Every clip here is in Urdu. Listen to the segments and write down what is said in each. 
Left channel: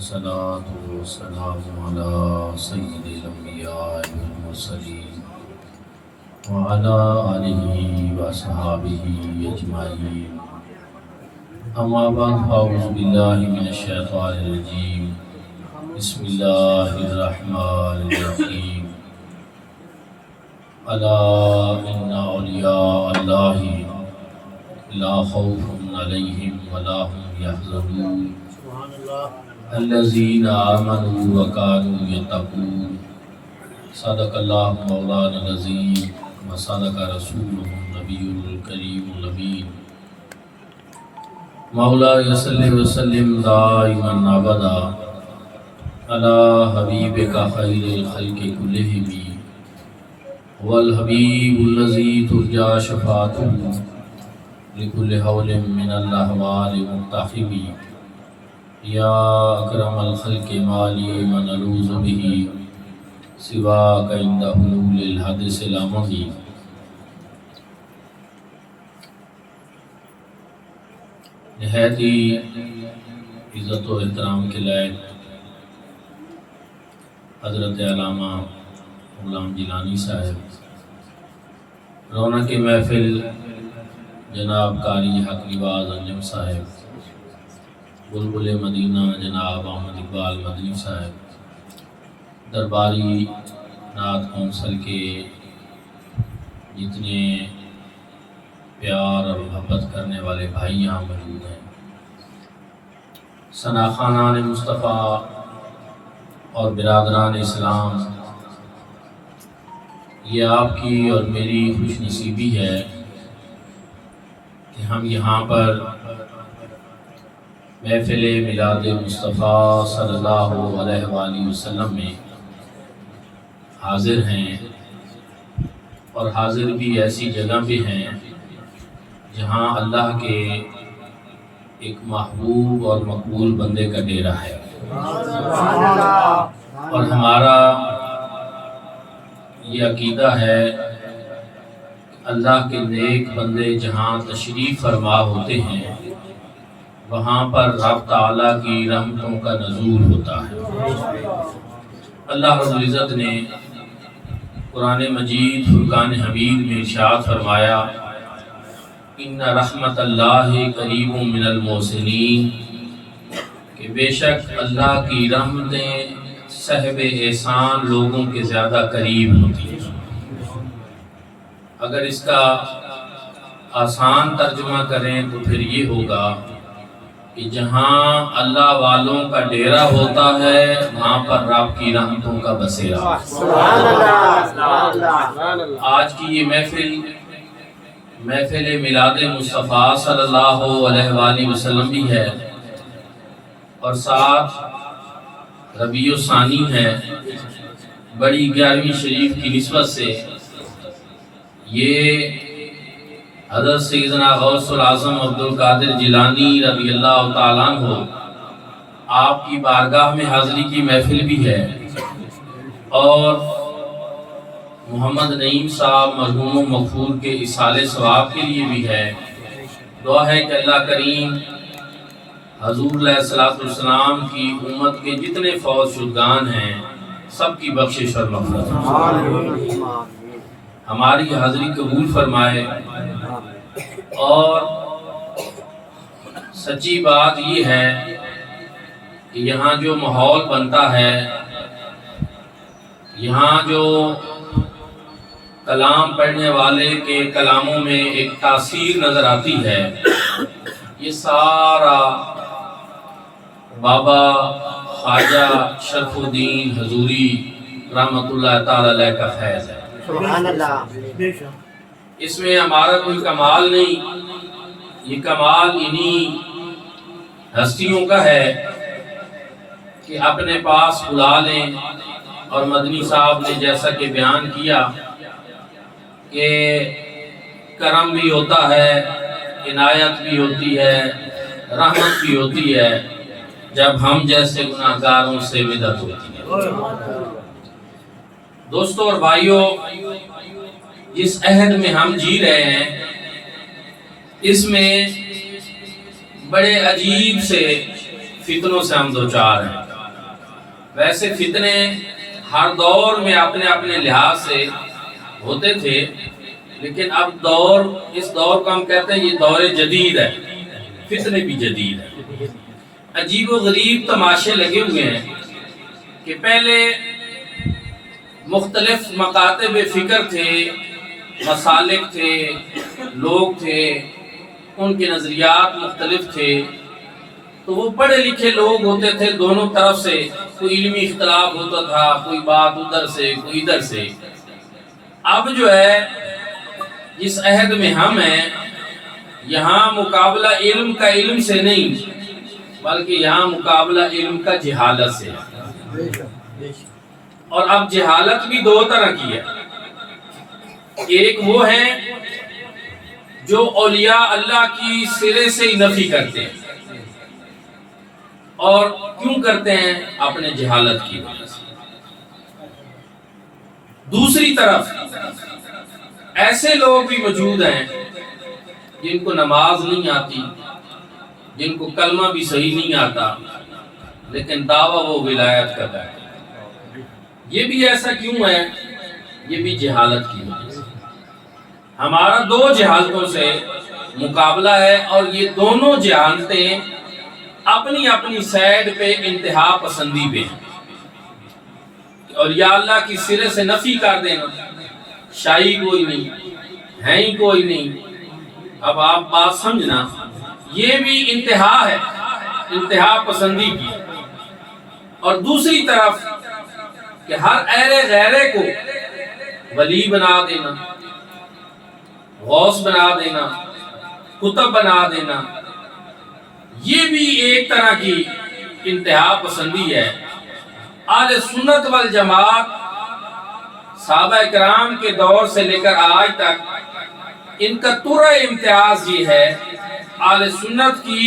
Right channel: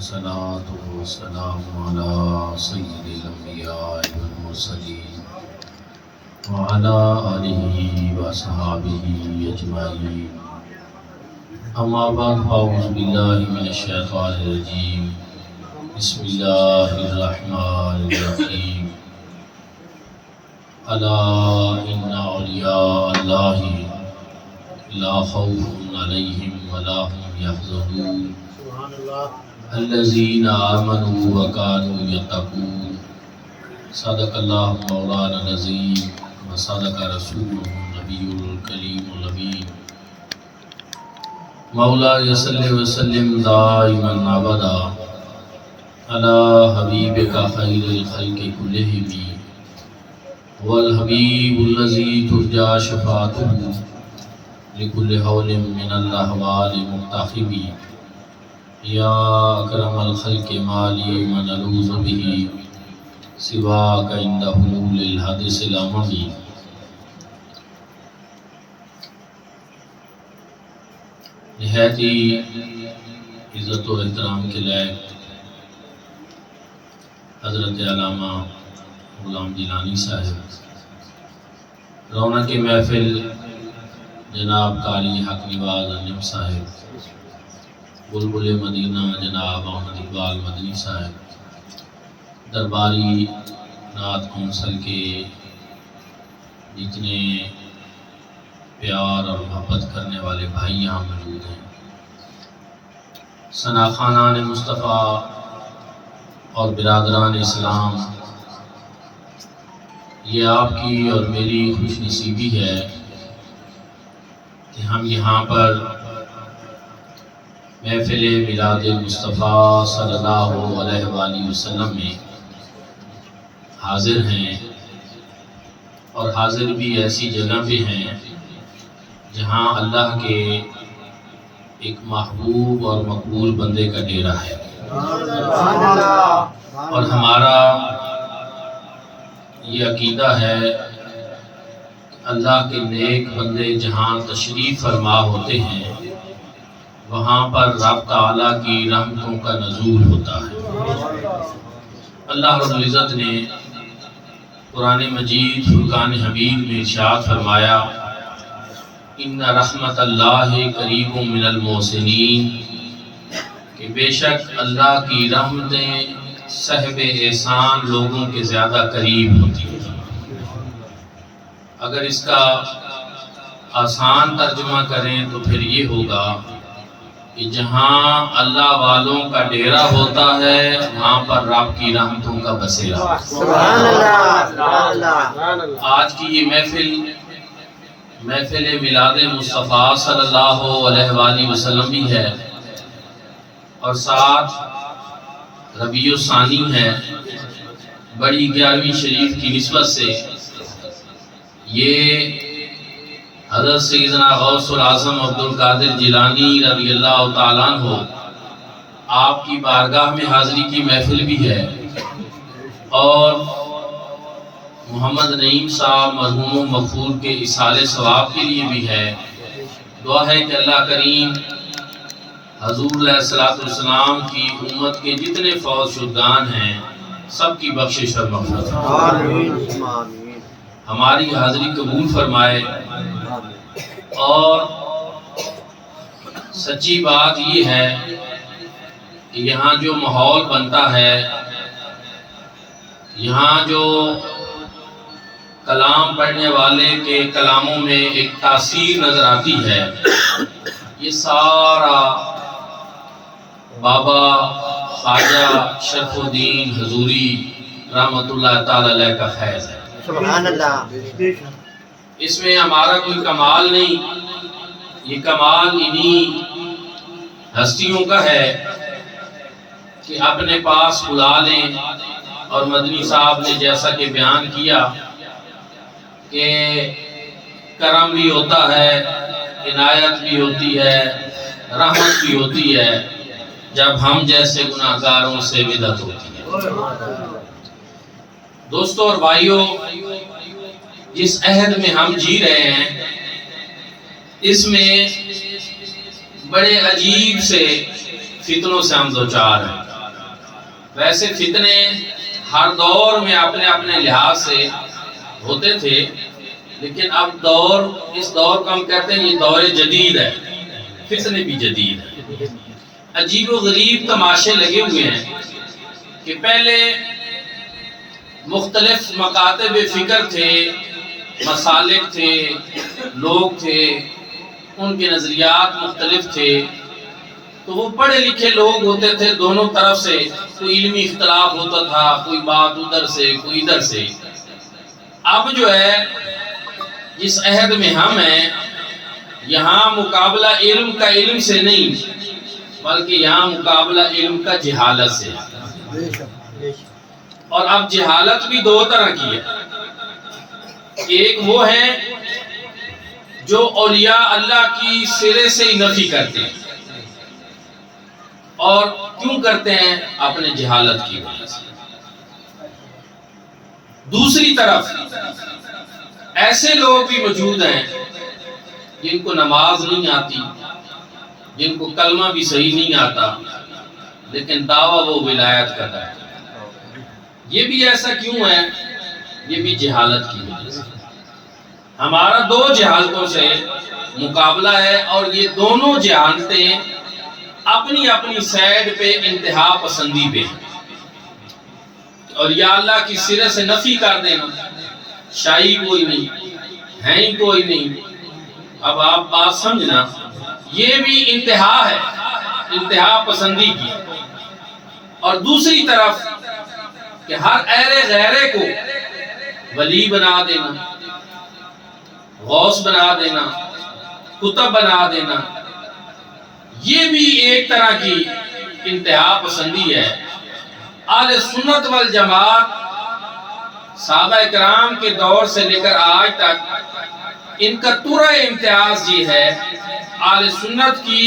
والصلاة والسلام على سيد الأنبياء والمرسلين وعلى آله وصحبه أجمعين. أما بعد فأعوذ بالله من الشيطان الرجيم. بسم الله الرحمن الرحيم. ألا إن أولياء الله لا خوف عليهم ولا هم يحزنون الذين آمنوا وكانوا يتقون. صدق الله مولانا العظيم وصدق رسوله النبي الكريم الأمين. مولاي صل وسلم دائما أبدا على حبيبك خير الخلق كلهم والحبيب الذي ترجى شفاعته لكل حول من الأحوال مقتحم. يا أكرم الخلق مالي من ألوذ به سواك عند حلول الحدث الأممي. نہایت ہی عزت و احترام کے لائق حضرت علامہ غلام جیلانی صاحب، رونق محفل جناب قاری حق نواز انجم صاحب، بلبل مدینہ جناب احمد اقبال مدنی صاحب، درباری نعت کونسل کے جتنے پیار اور محبت کرنے والے بھائی یہاں موجود ہیں، ثناخانان مصطفیٰ اور برادران اسلام، یہ آپ کی اور میری خوش نصیبی ہے کہ ہم یہاں پر محفل میلاد مصطفیٰ صلی اللہ علیہ وآلہ وسلم میں حاضر ہیں، اور حاضر بھی ایسی جگہ پہ ہیں جہاں اللہ کے ایک محبوب اور مقبول بندے کا ڈیرا ہے، اور ہمارا یہ عقیدہ ہے کہ اللہ کے نیک بندے جہاں تشریف فرما ہوتے ہیں وہاں پر رب تعالیٰ کی رحمتوں کا نزول ہوتا ہے۔ اللہ رب العزت نے قرآن مجید فرقان حمید میں ارشاد فرمایا، ان رحمت اللہ قریب من المحسنین، کہ بے شک اللہ کی رحمتیں صاحب احسان لوگوں کے زیادہ قریب ہوتی ہیں۔ اگر اس کا آسان ترجمہ کریں تو پھر یہ ہوگا کہ جہاں اللہ والوں کا ڈیرا ہوتا ہے وہاں پر رب کی رحمتوں کا بسیرا۔ آج کی یہ محفل میلاد مصطفیٰ صلی اللہ علیہ وآلہ وسلم بھی ہے، اور ساتھ ربیع الثانی ہے۔ بڑی 11ویں شریف کی نسبت سے یہ حضرت سیدنا غوث العظم عبدالقادر جیلانی رضی اللہ تعالیٰ عنہ آپ کی بارگاہ میں حاضری کی محفل بھی ہے، اور محمد نعیم صاحب مرحوم و مغفور کے اصالِ ثواب کے لیے بھی ہے۔ دعا ہے کہ اللہ کریم حضور علیہ السلام کی امت کے جتنے فوت شدگان ہیں سب کی بخشش اور مغفرت ہے، ہماری حاضری قبول فرمائے۔ اور سچی بات یہ ہے کہ یہاں جو ماحول بنتا ہے، یہاں جو کلام پڑھنے والے کے کلاموں میں ایک تاثیر نظر آتی ہے، یہ سارا بابا خواجہ شرف الدین حضوری رحمۃ اللہ تعالی علیہ کا فیض ہے۔ سبحان اللہ۔ اس میں ہمارا کوئی کمال نہیں، یہ کمال انہی ہستیوں کا ہے کہ اپنے پاس بلا لیں، اور مدنی صاحب نے جیسا کہ بیان کیا کہ کرم بھی ہوتا ہے، عنایت بھی ہوتی ہے، رحمت بھی ہوتی ہے جب ہم جیسے گناہگاروں سے مدد ہوتی ہے۔ دوستو اور بھائیو، جس عہد میں ہم جی رہے ہیں اس میں بڑے عجیب سے فتنوں سے ہم دوچار ہیں۔ ویسے فتنے ہر دور میں اپنے اپنے لحاظ سے ہوتے تھے، لیکن اب اس دور کو ہم کہتے ہیں یہ دور جدید ہے، فتنے بھی جدید ہے۔ عجیب و غریب تماشے لگے ہوئے ہیں کہ پہلے مختلف مکاتب فکر تھے، مسالک تھے، لوگ تھے، ان کے نظریات مختلف تھے، تو وہ پڑھے لکھے لوگ ہوتے تھے، دونوں طرف سے کوئی علمی اختلاف ہوتا تھا، کوئی بات ادھر سے کوئی ادھر سے۔ اب جو ہے جس عہد میں ہم ہیں، یہاں مقابلہ علم کا علم سے نہیں بلکہ یہاں مقابلہ علم کا جہالت سے ہے۔ اور اب جہالت بھی دو طرح کی ہے، ایک وہ ہے جو اولیاء اللہ کی سرے سے ہی نفی کرتے ہیں، اور کیوں کرتے ہیں؟ اپنے جہالت کی وجہ سے۔ دوسری طرف ایسے لوگ بھی موجود ہیں جن کو نماز نہیں آتی، جن کو کلمہ بھی صحیح نہیں آتا، لیکن دعویٰ وہ ولایت کرتا ہے۔ یہ بھی ایسا کیوں ہے؟ یہ بھی جہالت کی وجہ سے۔ ہمارا دو جہالتوں سے مقابلہ ہے، اور یہ دونوں جہالتیں اپنی اپنی سائیڈ پہ انتہا پسندی پہ ہیں۔ اور یا اللہ کی سرے سے نفی کر دینا، شاہی کوئی نہیں، ہے ہی کوئی نہیں۔ اب آپ بات سمجھنا، یہ بھی انتہا ہے، انتہا پسندی کی۔ اور دوسری طرف کہ ہر ایرے غیرے کو ولی بنا دینا، غوث بنا دینا، کتب بنا دینا، یہ بھی ایک طرح کی انتہا پسندی ہے۔ اہل سنت والجماعت صحابہ کرام کے دور سے لے کر آج تک ان کا طرح امتیاز یہ ہے، اہل سنت کی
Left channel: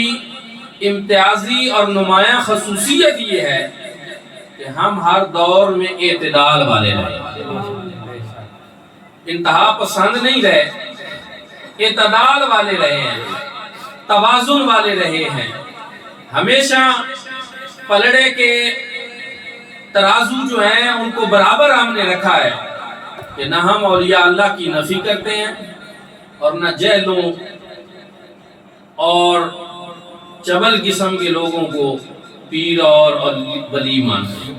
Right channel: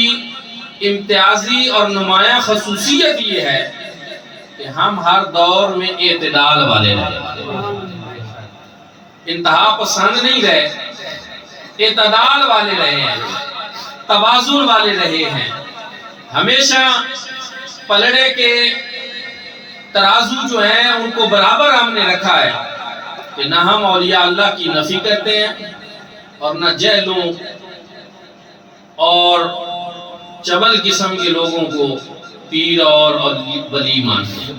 امتیازی اور نمایاں خصوصیت یہ ہے کہ ہم ہر دور میں اعتدال والے رہے، انتہا پسند نہیں رہے، اعتدال والے رہے ہیں، توازن والے رہے ہیں۔ ہمیشہ پلڑے کے ترازو جو ہیں ان کو برابر ہم نے رکھا ہے کہ نہ ہم اولیاء اللہ کی نفی کرتے ہیں اور نہ جہلوں اور چبل قسم کے لوگوں کو پیر اور ولی مانتے ہیں۔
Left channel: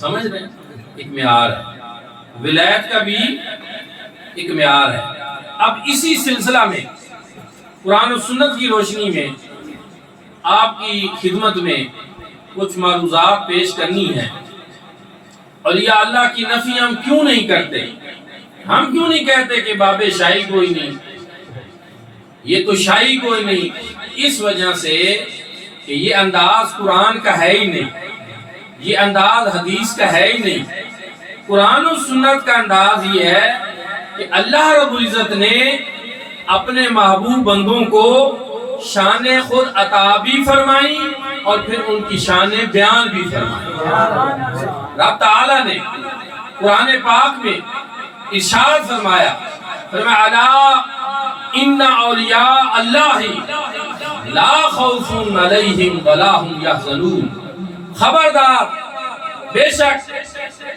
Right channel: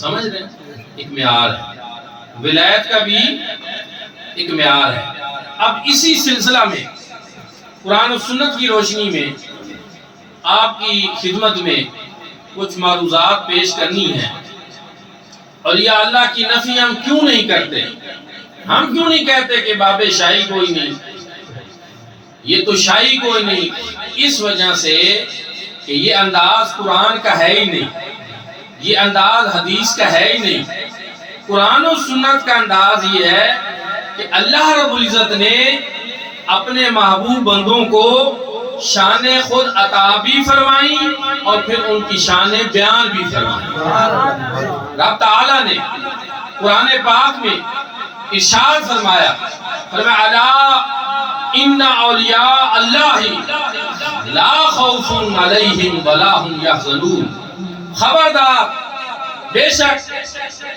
سمجھ رہے ہیں؟ ایک معیار ہے، ولایت کا بھی ایک معیار ہے۔ اب اسی سلسلہ میں قرآن و سنت کی روشنی میں آپ کی خدمت میں کچھ معروضات پیش کرنی ہے۔ اولیاء اللہ کی نفی ہم کیوں نہیں کرتے؟ ہم کیوں نہیں کہتے کہ باب شاہی کوئی نہیں، یہ تو شاہی کوئی نہیں؟ اس وجہ سے کہ یہ انداز قرآن کا ہے ہی نہیں، یہ انداز حدیث کا ہے ہی نہیں۔ قرآن و سنت کا انداز یہ ہے کہ اللہ رب العزت نے اپنے محبوب بندوں کو شان خود عطا بھی فرمائی اور پھر ان کی شان بیان بھی فرمائی۔ رب تعالیٰ نے قرآن پاک میں ارشاد فرمایا، الا ان اولیاء اللہ لا خوف علیہم ولا هم یحزنون، خبردار، بے شک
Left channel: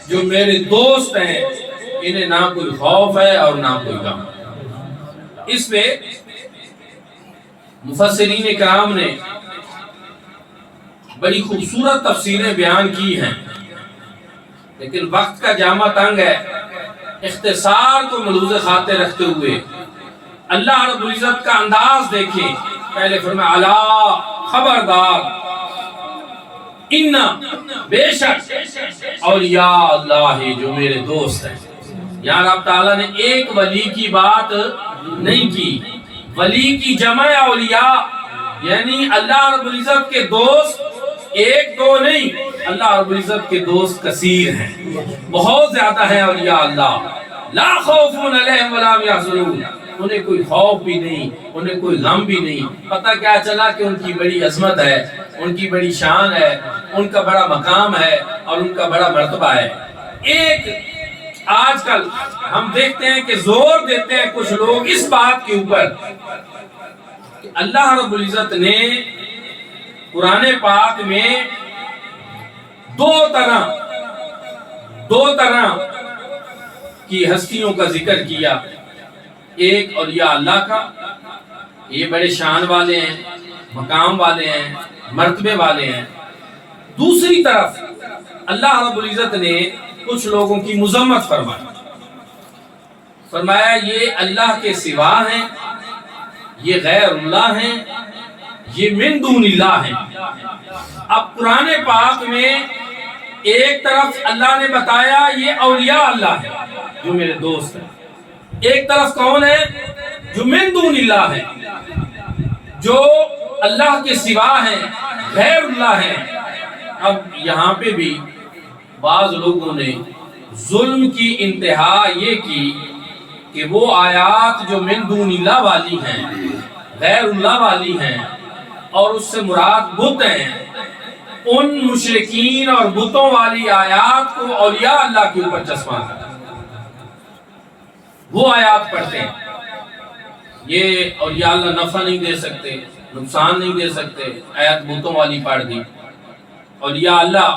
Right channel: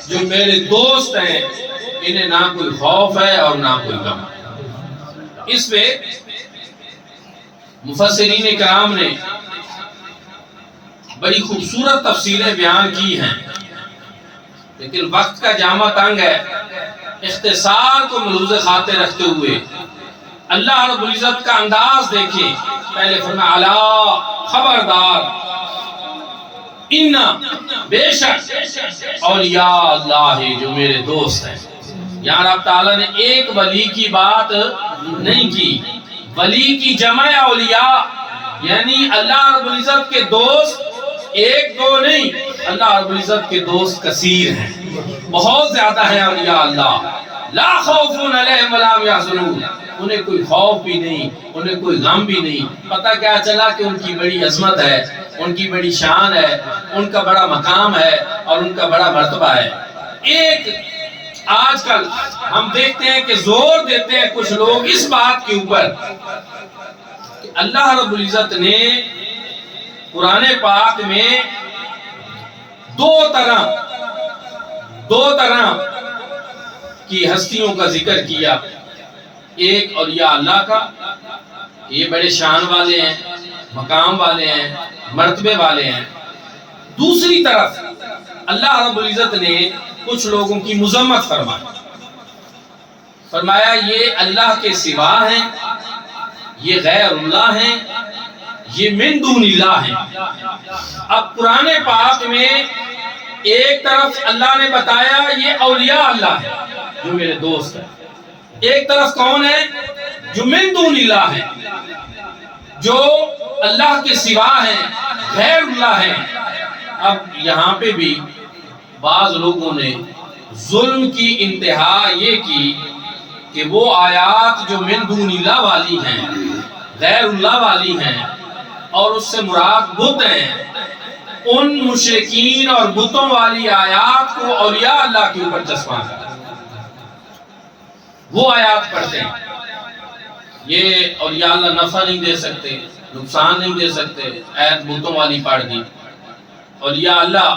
جو میرے دوست ہیں انہیں نہ کوئی خوف ہے اور نہ کوئی غم۔ اس پہ مفسرین کرام نے بڑی خوبصورت تفسیریں بیان کی ہیں، لیکن وقت کا جامع تنگ ہے، اختصار کو ملحوظ خاطر رکھتے ہوئے اللہ رب العزت کا انداز دیکھیں۔ پہلے فرمایا الا، خبردار، ان، بے شک، اولیاء اللہ جو میرے دوست ہیں۔ یہاں رب تعالیٰ نے ایک ولی کی بات نہیں کی، ولی کی جمع اولیاء، یعنی اللہ رب العزت کے دوست ایک دو نہیں، اللہ رب العزت کے دوست کثیر ہیں، بہت زیادہ ہیں اولیاء اللہ۔ لا خوف علیہم ولا هم یحزنون، انہیں کوئی خوف بھی نہیں، انہیں کوئی غم بھی نہیں۔ پتہ کیا چلا کہ ان کی بڑی عظمت ہے، ان کی بڑی شان ہے، ان کا بڑا مقام ہے اور ان کا بڑا مرتبہ ہے۔ ایک آج کل ہم دیکھتے ہیں کہ زور دیتے ہیں کچھ لوگ اس بات کے اوپر کہ اللہ رب العزت نے قرآن پاک میں دو طرح کی ہستیوں کا ذکر کیا. ایک اولیاء اللہ کا، یہ بڑے شان والے ہیں، مقام والے ہیں، مرتبے والے ہیں. دوسری طرف اللہ رب العزت نے کچھ لوگوں کی مذمت فرمایا یہ اللہ کے سوا ہیں، یہ غیر اللہ ہیں، یہ من دون اللہ ہیں. اب قرآن پاک میں ایک طرف اللہ نے بتایا یہ اولیاء اللہ ہیں جو میرے دوست ہیں، ایک طرف کون ہے جو من دون اللہ ہیں، جو اللہ کے سوا ہیں، غیر اللہ ہیں. اب یہاں پہ بھی بعض لوگوں نے ظلم کی انتہا یہ کی کہ وہ آیات جو من دون اللہ والی ہیں، غیر اللہ والی ہیں اور اس سے مراد بت ہیں، ان مشرکین اور بتوں والی آیات کو اولیاء اللہ کے اوپر چسپاں کرتے ہیں. وہ آیات پڑھتے ہیں یہ اولیاء اللہ نفع نہیں دے سکتے، نقصان نہیں دے سکتے، آیت بتوں والی پڑھ دی. اولیاء اللہ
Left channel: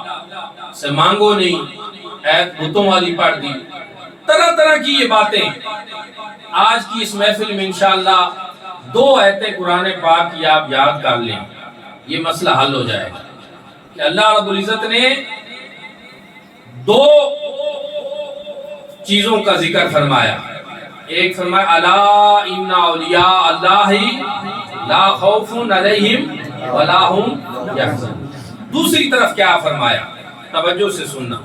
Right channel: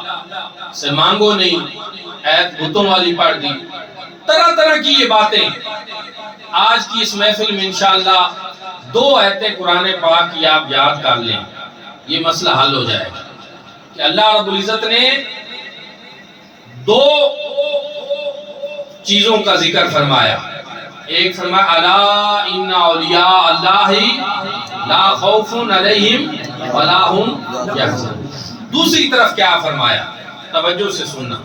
سے مانگو نہیں، آیت بتوں والی پڑھ دی. طرح طرح کی یہ باتیں. آج کی اس محفل میں انشاءاللہ 2 آیتیں قرآن پاک کی آپ یاد کر لیں، یہ مسئلہ حل ہو جائے گا کہ اللہ رب العزت نے 2 چیزوں کا ذکر فرمایا. ایک فرمایا الا ان اولیاء اللہ لا خوف علیہم ولا هم یحزنون. دوسری طرف کیا فرمایا، توجہ سے سننا.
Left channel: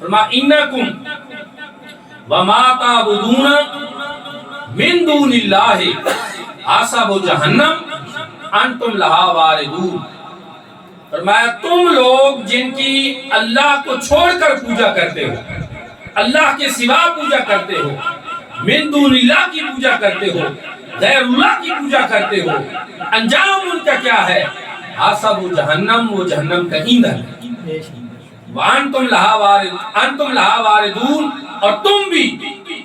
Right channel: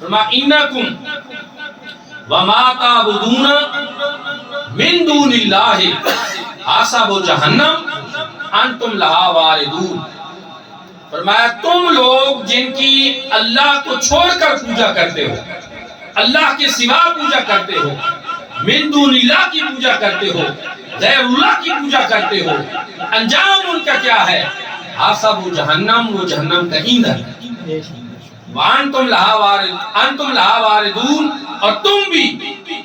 فرمایا انکم وما تعبدون من دون اللہ حسب جہنم انتم لہا واردون. فرمایا تم لوگ جن کی اللہ کو چھوڑ کر پوجا کرتے ہو، اللہ کے سوا پوجا کرتے ہو، من دون اللہ کی پوجا کرتے ہو، غیر اللہ کی پوجا کرتے ہو، انجام ان کا کیا ہے؟ حسب جہنم، وہ جہنم کا ایندھن ہے. وانتم لہا واردون، اور تم بھی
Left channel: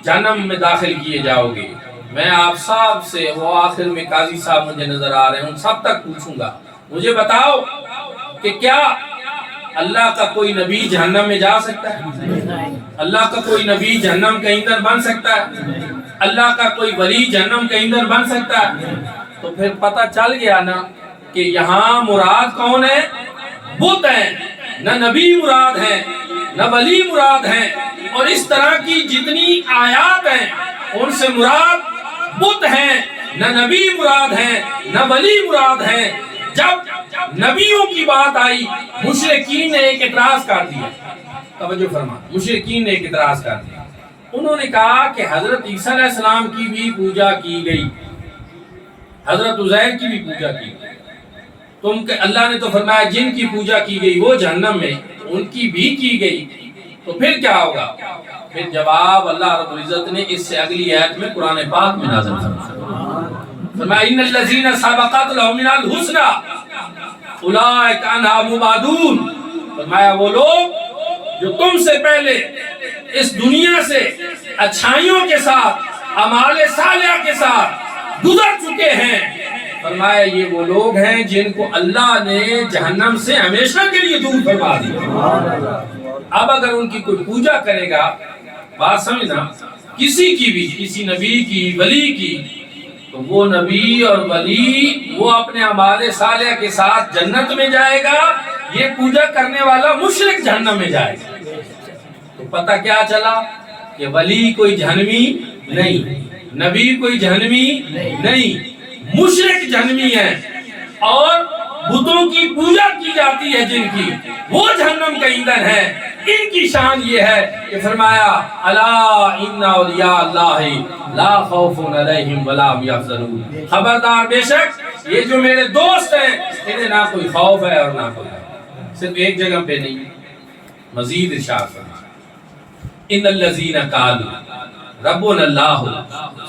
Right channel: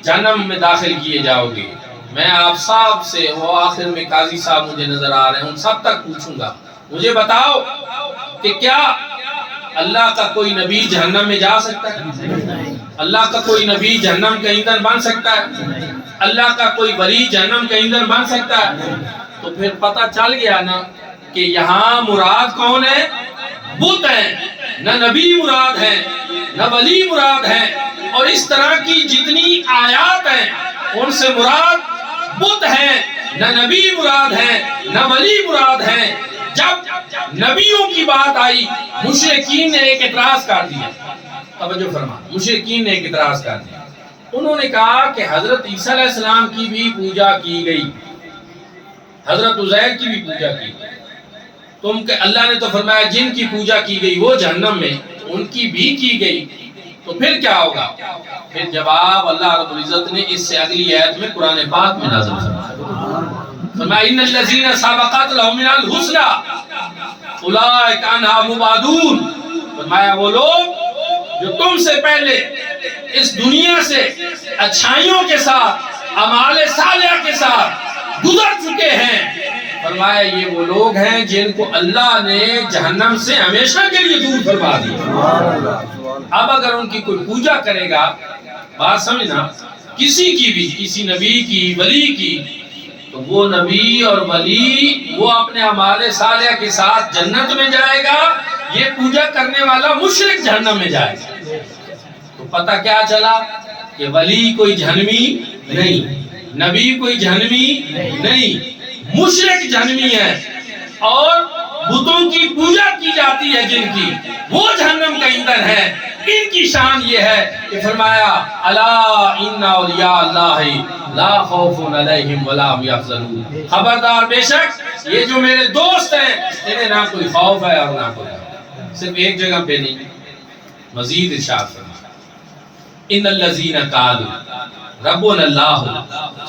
جہنم میں داخل کیے جاؤ گے. میں آپ صاحب سے، وہ آخر میں قاضی صاحب مجھے نظر آ رہے ہیں، ان سب تک پوچھوں گا مجھے بتاؤ کہ کیا اللہ کا کوئی نبی جہنم میں جا سکتا ہے؟ اللہ کا کوئی نبی جہنم کا ایندھن بن سکتا ہے؟ اللہ کا کوئی ولی جہنم کا ایندھن بن سکتا ہے؟ تو پھر پتہ چل گیا نا کہ یہاں مراد کون ہے؟ بت ہیں. نہ نبی مراد ہیں، نہ ولی مراد ہیں، اور اس طرح کی جتنی آیات ہیں ان سے مراد بت ہیں، نہ نبی مراد ہیں، نہ ولی مراد ہیں. جب نبیوں کی بات آئی مشرکین نے ایک اعتراض کر دیا. توجہ فرما، مشرکین نے ایک اعتراض کر دیا. انہوں نے کہا کہ حضرت عیسیٰ علیہ السلام کی بھی پوجا کی گئی، حضرت عزیر کی بھی پوجا کی گئی. تم کہ اللہ نے تو فرمایا جن کی پوجا کی گئی وہ جہنم میں، ان کی بھی کی گئی، تو پھر کیا ہوگا؟ پھر جواب اللہ رب العزت نے اس سے اگلی آیت میں قرآن پاک میں نازل فرمایا ان الذین سبقت لهم من الحسنى اولئک عنہا مبعدون. فرمایا وہ لوگ جو تم سے پہلے اس دنیا سے اچھائیوں کے ساتھ، اعمال صالحہ کے ساتھ گزر چکے ہیں، فرمایا یہ وہ لوگ ہیں جن کو اللہ نے جہنم سے ہمیشہ کے لیے دور فرما دیا. اب اگر ان کی کوئی پوجا کرے گا، بات سمجھنا، کسی کی بھی، کسی نبی کی، ولی کی، تو وہ نبی اور ولی وہ اپنے اعمال صالحہ کے ساتھ جنت میں جائے گا، یہ پوجا کرنے والا مشرک جہنم میں جائے گا. تو پتہ کیا چلا کہ ولی کوئی جہنمی نہیں، نبی کوئی جہنمی نہیں، مشرک جہنمی ہے. اور بتوں کی پوجا کی جاتی ہے جن کی، وہ جہنم کا ایندھن ہے. ان کی شان یہ ہے کہ فرمایا الا ان اولیاء اللہ لا خوف علیہم ولا هم یحزنون. خبردار، بے شک یہ جو میرے دوست ہیں انہیں نہ کوئی خوف ہے اور نہ کوئی غم. صرف ایک جگہ پہ نہیں، مزید ارشاد فرمایا ان الذین قالوا ربنا اللہ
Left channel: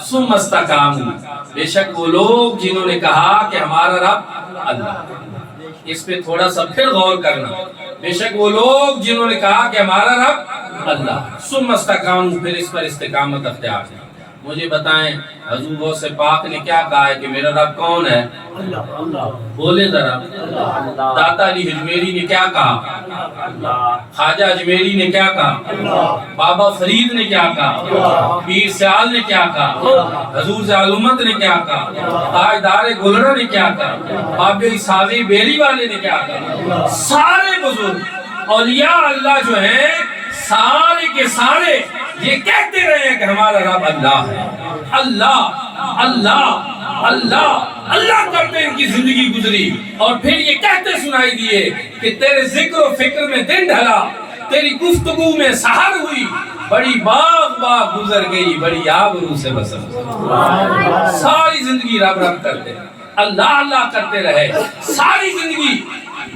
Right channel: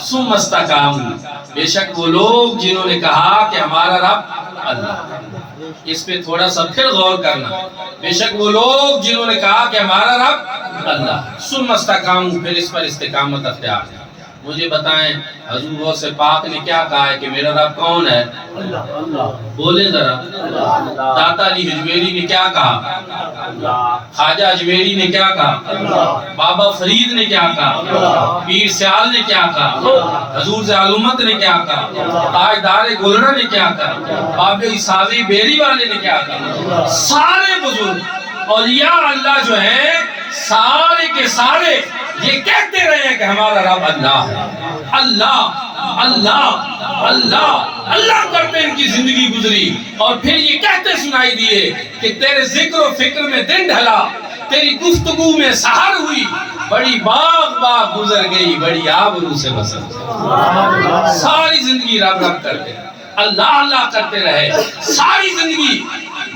ثم استقاموا. بے شک وہ لوگ جنہوں نے کہا کہ ہمارا رب اللہ. اس پہ تھوڑا سا پھر غور کرنا. بے شک وہ لوگ جنہوں نے کہا کہ ہمارا رب اللہ، ثم استقاموا، پھر اس پر استقامت اختیار ہے. مجھے بتائیں حضور غوث پاک نے کیا کہا ہے کہ میرا رب کون ہے؟ بولیں ذرا۔ داتا علی اجمیری نے کیا کہا؟ خواجہ اجمیری نے کیا کہا؟ بابا فرید نے کیا کہا؟ پیر سیال نے کیا کہا؟ حضور زالمت نے کیا کہا؟ تاجدار گلرہ نے کیا کہا؟ بابا ساوی بیری والے نے کیا کہا؟ سارے بزرگ اولیاء اللہ جو ہیں سارے کے سارے یہ کہتے رہے ہیں کہ ہمارا رب اللہ ہے۔ اللہ اللہ اللہ اللہ کرتے ان کی زندگی گزری، اور پھر یہ کہتے سنائی دیے کہ تیرے ذکر و فکر میں دن ڈھلا، تیری گفتگو میں سحر ہوئی، بڑی باغ باغ گزر گئی، بڑی آبرو سے بسر۔ ساری زندگی رب رب کرتے اللہ اللہ کرتے رہے، ساری زندگی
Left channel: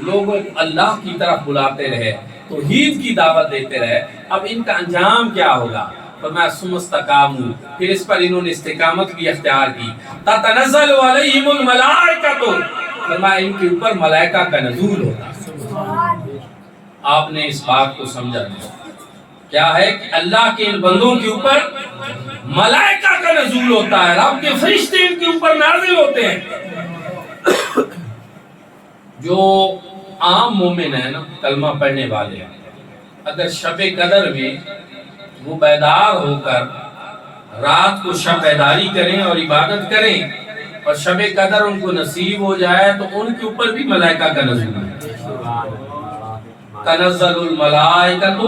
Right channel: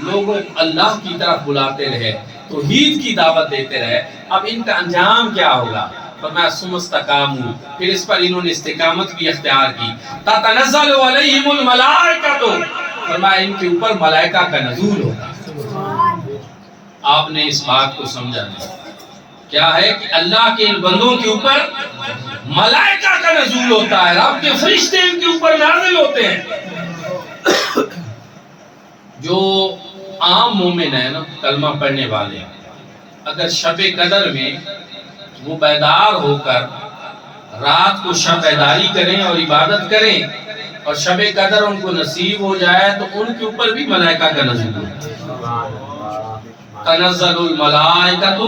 لوگوں اللہ کی طرف بلاتے رہے، توحید کی دعوت دیتے رہے۔ اب ان کا انجام کیا ہوگا؟ فرمایا ثم استقاموا، پھر اس پر انہوں نے استقامت بھی اختیار کی۔ تتنزل علیہم الملائکۃ، فرمایا ان کے اوپر ملائکہ کا نزول ہوتا۔ آپ نے اس بات کو سمجھا نہیں کیا ہے کہ اللہ کے ان بندوں کے اوپر ملائکہ کا نزول ہوتا ہے، رب کے فرشتے ان کے اوپر نازل ہوتے ہیں۔ جو عام مومن ہے نا، کلمہ پڑھنے والے، اگر شب قدر میں وہ بیدار ہو کر رات کو شب بیداری کریں اور عبادت کریں اور شب قدر ان کو نصیب ہو جائے تو ان کے اوپر بھی ملائکہ کا نزول ہے۔ تنزل الملائکۃ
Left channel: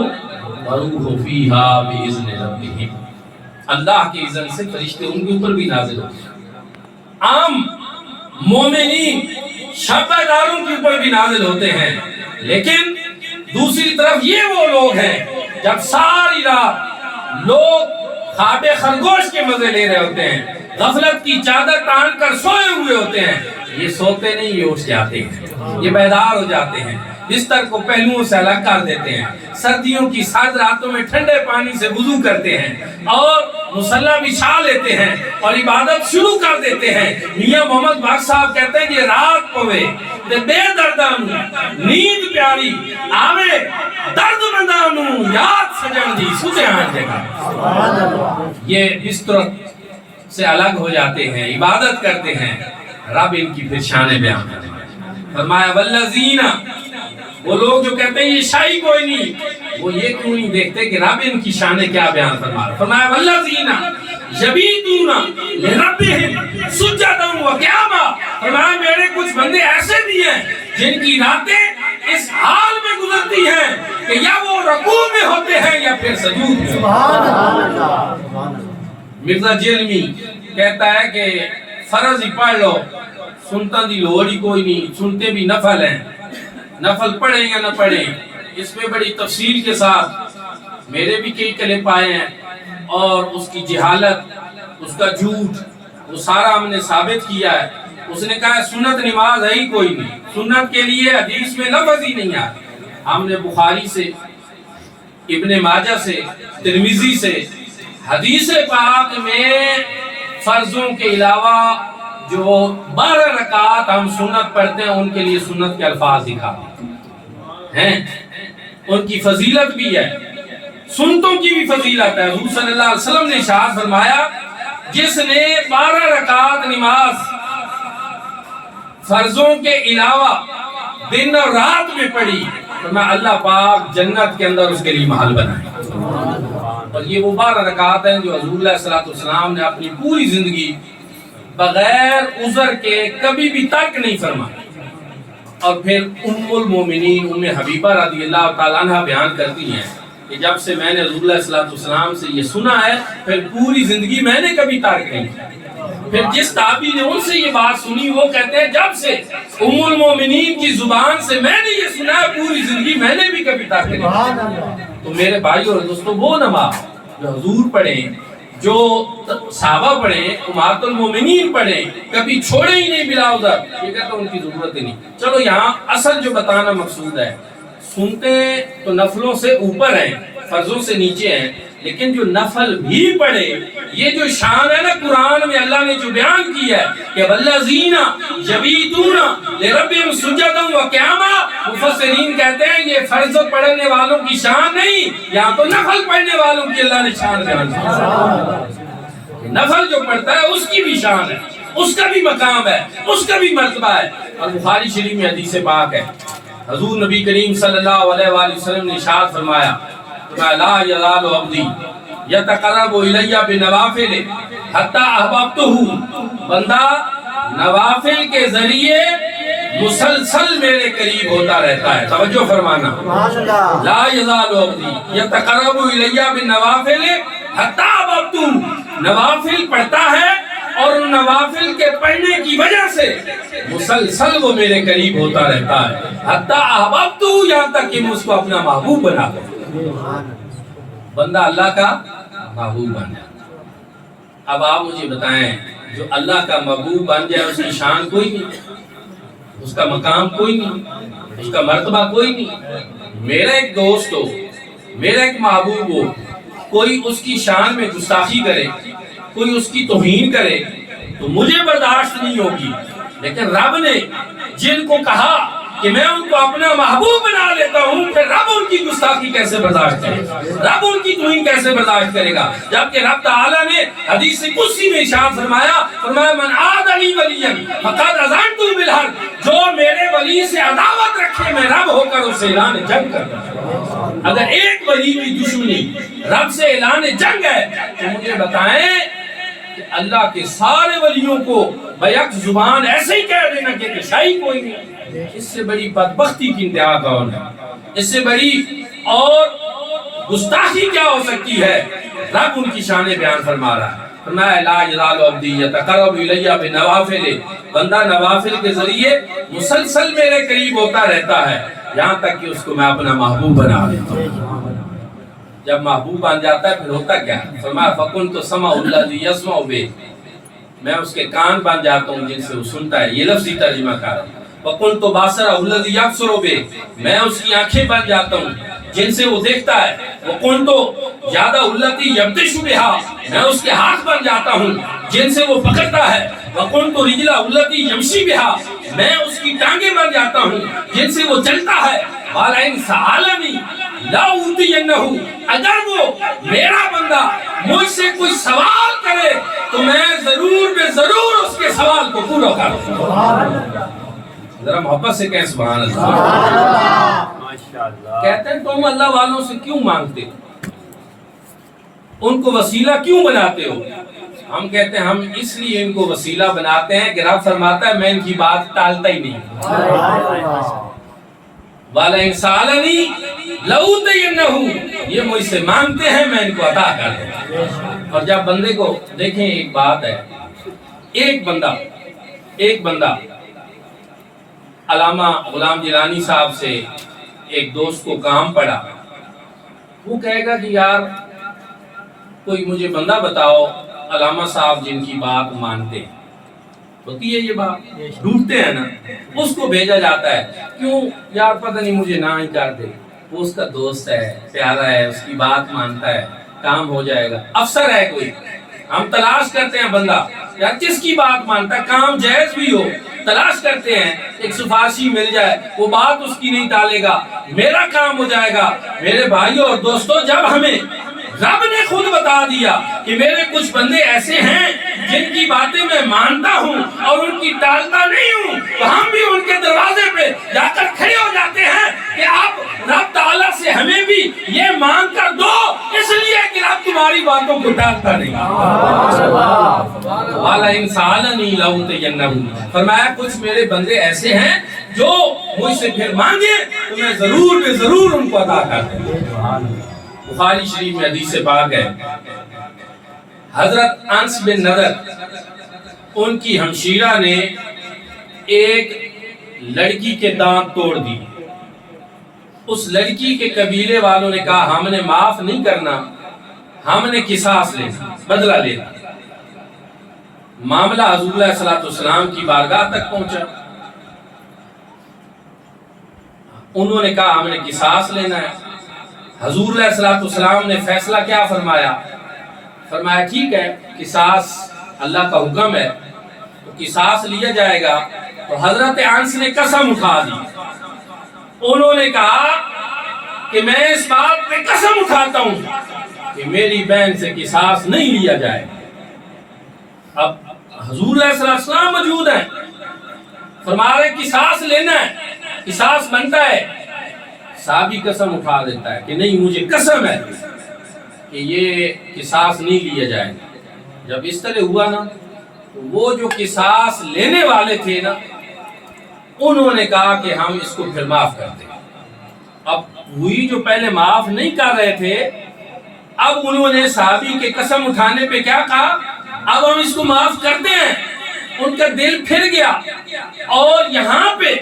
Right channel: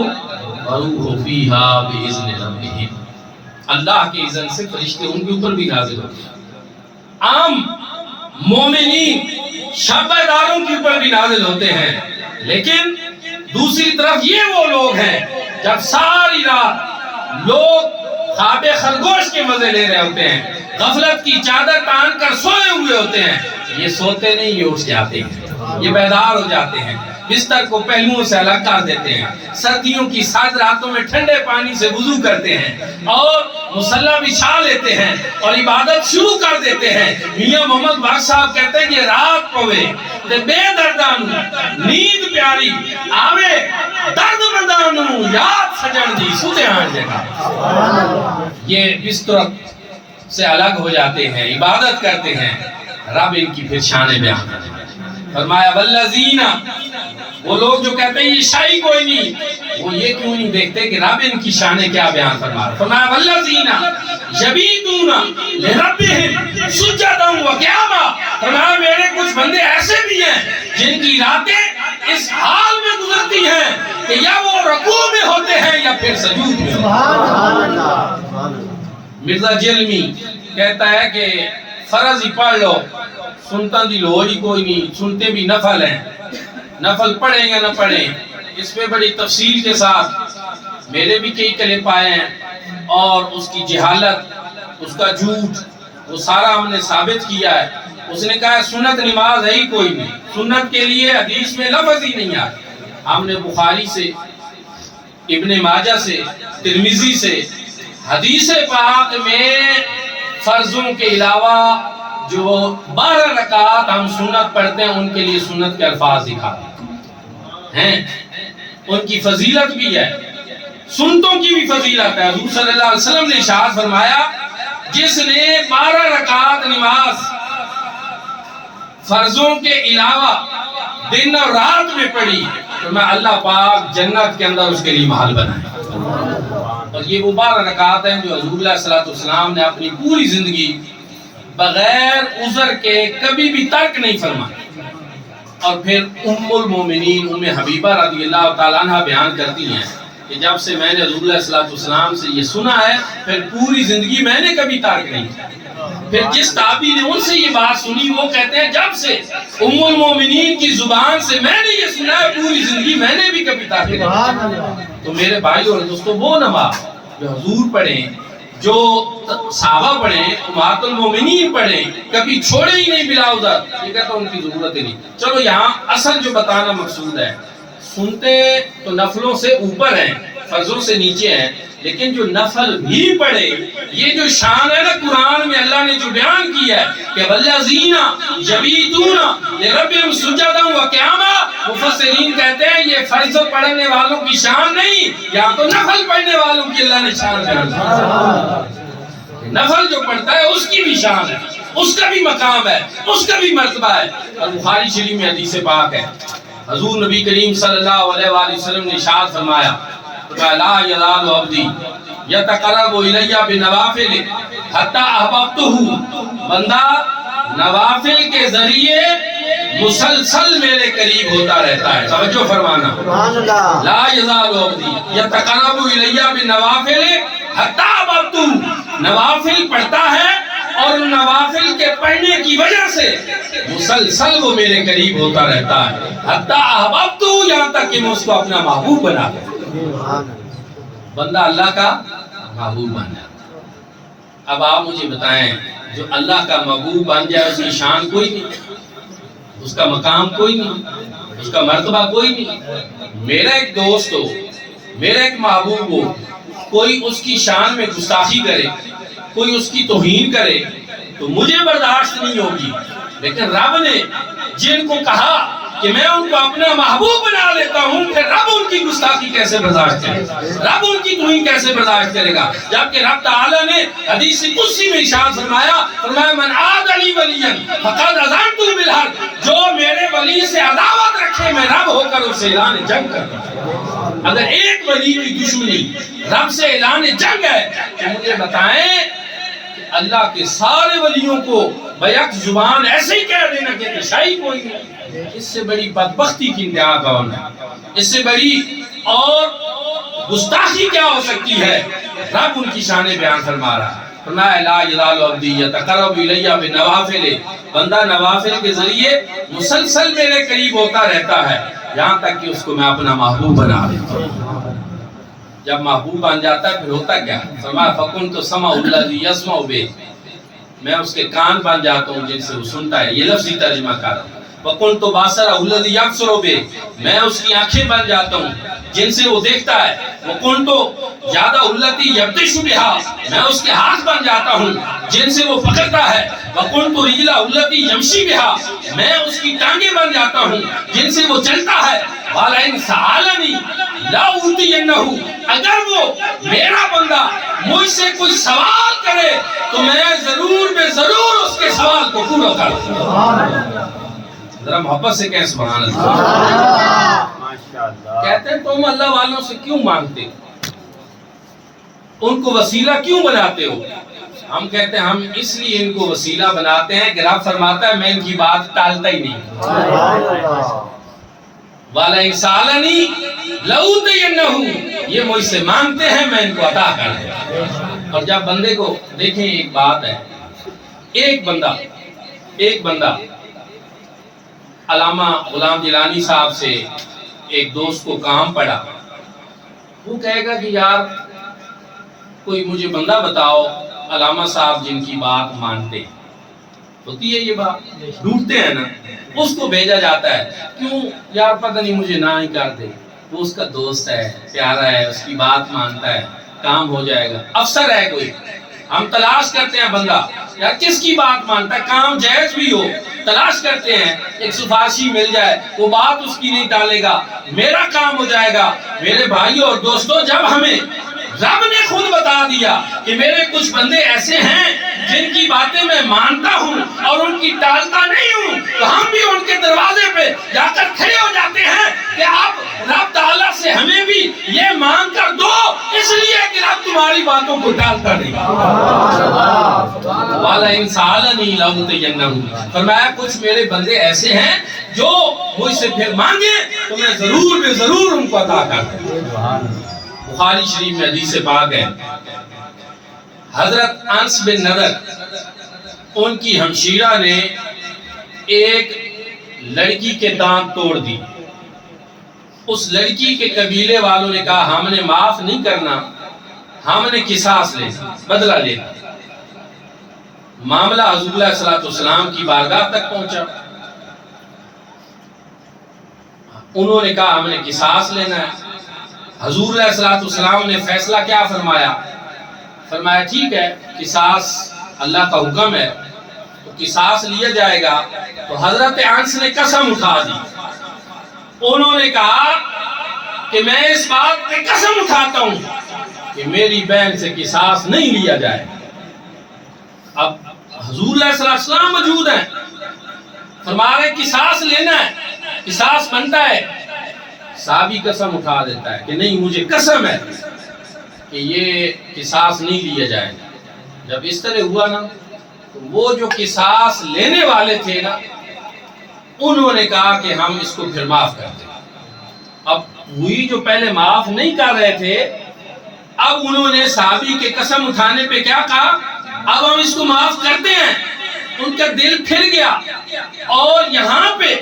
والروح فیہا بإذن ربہم، اللہ کی اذن سے فرشتے ان کے اوپر بھی نازل ہوتے ہیں۔ عام مومنین شب بیداروں کے اوپر بھی نازل ہوتے ہیں، لیکن دوسری طرف یہ وہ لوگ ہیں جب ساری رات لوگ خواب خرگوش کے مزے لے رہے ہوتے ہیں، غفلت کی چادر تان کر سوئے ہوئے ہوتے ہیں، یہ سوتے نہیں، یہ اٹھ جاتے ہیں، یہ بیدار ہو جاتے ہیں، بستر کو پہلوؤں سے الگ کر دیتے ہیں، سردیوں کی سرد راتوں میں ٹھنڈے پانی سے وضو کرتے ہیں اور مصلی بچھا لیتے ہیں اور عبادت شروع کر دیتے ہیں۔ میاں محمد باغ صاحب کہتے ہیں کہ رات پوے تے بے دردانو نیند پیاری آوے درد مندانو یاد سجن دی سوتے آن جگہ، یہ بستر سے الگ ہو جاتے ہیں، عبادت کرتے ہیں، رب ان کی پھر شان بیان کرتے ہیں۔ فرمایا والذین، وہ لوگ جو کہتے ہیں یہ شاہی کوئی نہیں، وہ یہ کیوں نہیں دیکھتے کہ رب ان کی شان کیا بیان فرما رہا ہے۔ فرمایا والذین یبیتون لربہم سجدا وقیاما، فرمایا میرے کچھ بندے ایسے بھی ہیں جن کی راتیں اس حال میں گزرتی ہیں کہ یا وہ رکوع میں ہوتے ہیں یا پھر سجود میں۔ مرزا جلمی کہتا ہے کہ فرض ہی پڑھ لو، سنتا دی لوڑ ہی کوئی نہیں، سنتے بھی نفل ہیں، نفل پڑھیں یا نہ پڑھیں، اس پہ بڑی تفصیل کے ساتھ میرے بھی کئی کلپ آئے ہیں، اور اس کی جہالت، اس کا جھوٹ، وہ سارا ہم نے ثابت کیا ہے۔ اس نے کہا سنت نماز ہے ہی کوئی نہیں، سنت کے لیے حدیث میں لفظ ہی نہیں آتی۔ ہم نے بخاری سے، ابن ماجہ سے، ترمذی سے حدیث پاک میں فرضوں کے علاوہ جو 12 رکعات ہم سنت پڑھتے ہیں ان کے لیے سنت کے الفاظ دکھاتے ہیں، ان کی فضیلت بھی ہے، سنتوں کی بھی فضیلت ہے۔ حضور صلی اللہ علیہ وسلم نے ارشاد فرمایا جس نے 12 رکعات نماز فرضوں کے علاوہ دن اور رات میں پڑھی تو میں اللہ پاک جنت کے اندر اس کے لیے محل بنائے۔ اور یہ وہ 12 رکعات ہیں جو حضور علیہ السلام نے اپنی پوری زندگی بغیر عذر کے کبھی بھی ترک نہیں فرمائی۔ اور پھر ام المومنین ام حبیبہ رضی اللہ تعالیٰ عنہ بیان کرتی ہیں کہ جب سے میں نے حضور علیہ السلام سے یہ سنا ہے پھر پوری زندگی میں نے کبھی ترک نہیں کیا۔ پھر جس تابعی نے ان سے یہ بات سنی وہ کہتے ہیں جب سے ام المومنین کی زبان سے میں نے یہ سنا ہے پوری زندگی میں نے بھی کبھی ترک نہیں کیا۔ تو میرے بھائی اور دوستو وہ نماز جو حضور پڑھیں، جو صحابہ پڑھیں، امہات المومنین پڑھیں، کبھی چھوڑے ہی نہیں بلا عذر، یہ کہتا ان کی ضرورت ہی نہیں۔ چلو یہاں اصل جو بتانا مقصود ہے، سنتے تو نفلوں سے اوپر ہیں، فرضوں سے نیچے ہیں، لیکن جو نفل بھی پڑھے، یہ جو شان ہے نا قرآن میں اللہ نے جو بیان کی ہے کہ والذین یبیتون لربہم سجدا وقیاما، مفسرین کہتے ہیں یہ فرض پڑھنے والوں کی شان نہیں، یہاں تو نفل پڑھنے والوں کی اللہ نے شان بیان کی۔ نفل جو پڑھتا ہے اس کی بھی شان ہے، اس کا بھی مقام ہے، اس کا بھی مرتبہ ہے۔ اور بخاری شریف میں حدیث پاک ہے، حضور نبی کریم صلی اللہ علیہ وآلہ وسلم نے ارشاد فرمایا لا یزال عبدی یتقرب الی بنوافل حتی احببتہ، بندہ نوافل کے ذریعے مسلسل میرے قریب ہوتا رہتا ہے۔ توجہ فرمانا، لا یزال عبدی یتقرب الی بنوافل حتی احببتہ، نوافل پڑھتا ہے اور نوافل کے پڑھنے کی وجہ سے مسلسل وہ میرے قریب ہوتا رہتا ہے، حتی احببتہ، یہاں تک کہ میں اس کو اپنا محبوب بنا دوں۔ بندہ اللہ کا محبوب بن جاتا۔ اب آپ مجھے بتائیں، جو اللہ کا محبوب بن جائے اس کی شان کوئی نہیں، اس کا مقام کوئی نہیں، اس کا مرتبہ کوئی نہیں۔ میرا ایک دوست ہو، میرا ایک محبوب ہو، کوئی اس کی شان میں گستاخی کرے، کوئی اس کی توہین کرے تو مجھے برداشت نہیں ہوگی، لیکن رب نے جن کو کہا کہ میں ان کو اپنا محبوب بنا لیتا ہوں، پھر رب ان کی گستاخی کیسے برداشت کرے گا، رب ان کی توہین کیسے برداشت کرے گا؟ جبکہ رب تعالیٰ نے حدیث قدسی میں ارشاد فرمایا من عاد لی ولیا فقد اذنت بالحرب، جو میرے ولی سے عداوت رکھے میں رب ہو کر اسے اعلان جنگ کرتا ہوں۔ اگر ایک ولی کی دشمنی رب سے اعلان جنگ ہے تو مجھے بتائیں کہ اللہ کے سارے ولیوں کو بیک زبان ایسے ہی کہہ دینا کہ شاہی کوئی نہیں، اس سے بڑی بدبختی کی انتہا کون ہے؟ اس سے بڑی اور گستاخی کیا ہو سکتی ہے؟ رب ان کی شان بیان فرما رہا ہے، فرمایا لا یزال عبدی یتقرب الی بنوافل، بندہ نوافل کے ذریعے مسلسل میرے قریب ہوتا رہتا ہے، یہاں تک کہ اس کو میں اپنا محبوب بنا لیتا ہوں۔ جب محبوب بن جاتا ہے پھر ہوتا کیا ہے؟ فرمایا فَكُنْتُ سَمْعُ الَّذِي يَسْمَعُ بِهِ، میں اس کے کان بن جاتا ہوں جن سے وہ سنتا ہے۔ یہ لفظی ترجمہ کر رہا ہوں۔ وَكُنْتُ بَصَرَهُ الَّذِي يَبْصُرُ بِهِ، میں اس کی آنکھیں بن جاتا ہوں جن سے وہ دیکھتا ہے۔ وَكُنْتُ يَدَهُ الَّتِي يَبْطِشُ بِهَا، میں اس کے ہاتھ بن جاتا ہوں جن سے وہ پکڑتا ہے۔ وَكُنْتُ رِجْلَهُ الَّتِي يَمْشِي بِهَا، میں اس کی ٹانگیں بن جاتا ہوں جن سے وہ چلتا ہے۔ وَلَئِنْ سَأَلَنِي لَأُعْطِيَنَّهُ، اگر وہ میرا بندہ مجھ سے کوئی سوال کرے تو میں ضرور بے ضرور اس کے سوال کو پورا کروں۔ ذرا محبت سے کہیں سبحان اللہ۔ کہتے ہیں تم اللہ والوں سے کیوں مانگتے ہو، ان کو وسیلہ کیوں بناتے ہو؟ ہم کہتے ہیں ہم اس لیے ان کو وسیلہ بناتے ہیں کہ رب فرماتا ہے میں ان کی بات ٹالتا ہی نہیں۔ وَلَئِنْ سَأَلَنِي لَأُعْطِيَنَّهُ، یہ مجھ سے مانگتے ہیں میں ان کو عطا کر دوں۔ اور جب بندے کو دیکھیں، ایک بات ہے، ایک بندہ علامہ غلام جیلانی صاحب سے ایک دوست کو کام پڑا، وہ کہے گا کہ یار کوئی مجھے بندہ بتاؤ علامہ صاحب جن کی بات مانتے ہیں، ہوتی ہے یہ بات، ڈھونڈتے ہیں نا، اس کو بھیجا جاتا ہے، کیوں یار پتہ نہیں مجھے نہ ہی کر دے، وہ اس کا دوست ہے، پیارا ہے، اس کی بات مانتا ہے، کام ہو جائے گا۔ افسر ہے کوئی، ہم تلاش کرتے ہیں بندہ یار کس کی بات مانتا ہے، کام جائز بھی ہو، تلاش کرتے ہیں ایک سفارشی مل جائے، وہ بات اس کی نہیں ڈالے گا، میرا کام ہو جائے گا۔ میرے بھائیوں اور دوستوں، جب ہمیں رب نے خود بتا دیا کہ میرے کچھ بندے ایسے ہیں جن کی باتیں میں مانتا ہوں اور ان کی ٹالتا نہیں ہوں، تو ہم بھی ان کے دروازے پہ جا کر کھڑے ہو جاتے ہیں کہ اب رب تعالیٰ سے ہمیں بھی یہ مانگ کر دو، اس لیے کہ رب تمہاری باتوں کو ٹالتا نہیں۔ وَلَئِنْ سَأَلَنِي لَأُعْطِيَنَّهُ، فرمایا کچھ میرے بندے ایسے ہیں جو مجھ سے پھر مانگے تو میں ضرور بے ضرور ان کو عطا کر دوں۔ بخاری شریف میں حدیث پاک ہے، حضرت انس بن نضر ان کی ہمشیرہ نے ایک لڑکی کے دانت توڑ دی، اس لڑکی کے قبیلے والوں نے کہا ہم نے معاف نہیں کرنا، ہم نے قصاص لینا، بدلہ لینا۔ معاملہ حضور علیہ الصلوۃ والسلام کی بارگاہ تک پہنچا، انہوں نے کہا ہم نے قصاص لینا ہے۔ حضور علیہ الصلوۃ والسلام نے فیصلہ کیا فرمایا؟ فرمایا ٹھیک ہے، قصاص اللہ کا حکم ہے تو قصاص لیا جائے گا۔ تو حضرت انس نے قسم اٹھا دی، انہوں نے کہا کہ میں اس بات پہ قسم اٹھاتا ہوں کہ میری بہن سے قصاص نہیں لیا جائے۔ اب حضور علیہ السلام موجود ہیں، فرما رہے قصاص لینا ہے، قصاص بنتا ہے، صحابی قسم اٹھا دیتا ہے کہ نہیں مجھے قسم ہے کہ یہ قصاص نہیں لیا جائے گا۔ جب اس طرح ہوا نا تو وہ جو قصاص لینے والے تھے نا انہوں نے کہا کہ ہم اس کو پھر معاف کر دیں۔ اب وہی جو پہلے معاف نہیں کر رہے تھے اب انہوں نے صحابی کے قسم اٹھانے پہ کیا کہا اب ہم اس کو معاف کرتے ہیں۔ ان کا دل پھر گیا اور یہاں پہ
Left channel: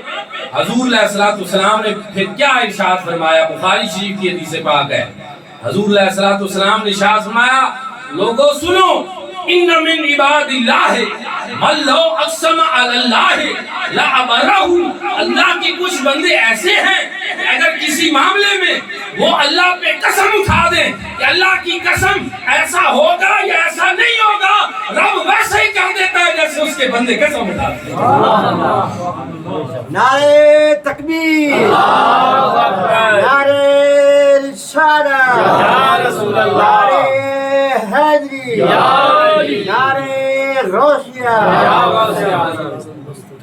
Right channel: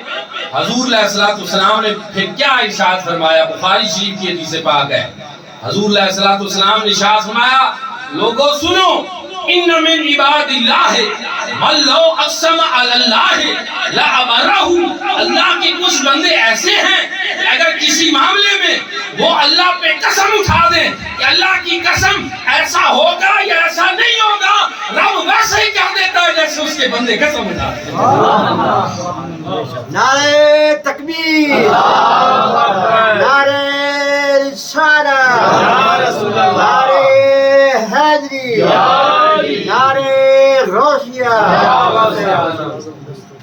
حضور علیہ السلام نے پھر کیا ارشاد فرمایا، بخاری شریف کی حدیث پاک ہے، حضور علیہ السلام نے ارشاد فرمایا لوگوں سنو ان من عباد اللہ من لو اقسم علی اللہ لابرہ، اللہ کے کچھ بندے ایسے ہیں کہ اگر کسی معاملے میں وہ اللہ پہ قسم اٹھا دیں کہ اللہ کی قسم ایسا ہوگا یا ایسا نہیں ہوگا، رب ویسے ہی کہہ دیتا ہے جیسے اس کے بندے قسم اٹھاتے ہیں۔ نعرہ تکبیر، نعرہ رسالت، نعرہ حیدری، نعرہ روشیہ۔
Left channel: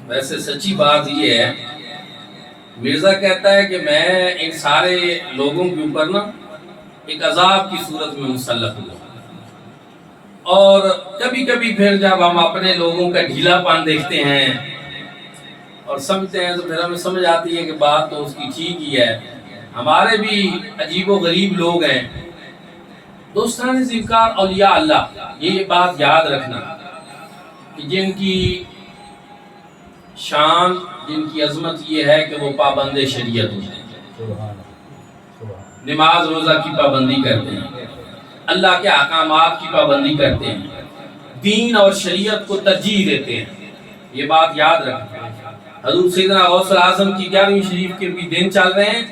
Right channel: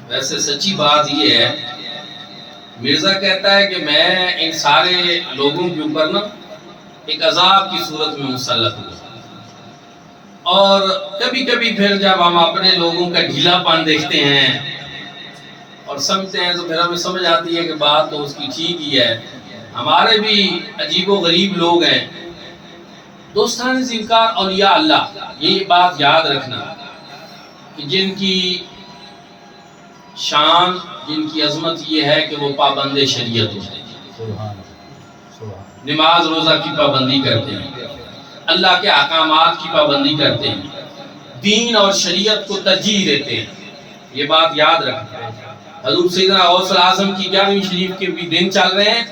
ویسے سچی بات یہ ہے، مرزا کہتا ہے کہ میں ان سارے لوگوں کے اوپر نا ایک عذاب کی صورت میں مسلط ہوا، اور کبھی کبھی پھر جب ہم اپنے لوگوں کا ڈھیلا پن دیکھتے ہیں اور سمجھتے ہیں تو پھر ہمیں سمجھ آتی ہے کہ بات تو اس کی ٹھیک ہی ہے۔ ہمارے بھی عجیب و غریب لوگ ہیں، دوستان ذکر اولیاء اللہ، یہ بات یاد رکھنا کہ جن کی شان، جن کی عظمت یہ ہے کہ وہ پابند شریعت ہوتے ہیں، نماز روزہ کی پابندی کرتے ہیں، اللہ کے احکامات کی پابندی کرتے ہیں، دین اور شریعت کو ترجیح دیتے ہیں، یہ بات یاد رکھنا۔ حضور سیدنا غوث الاعظم کی 11ویں شریف کے بھی دن چل رہے ہیں،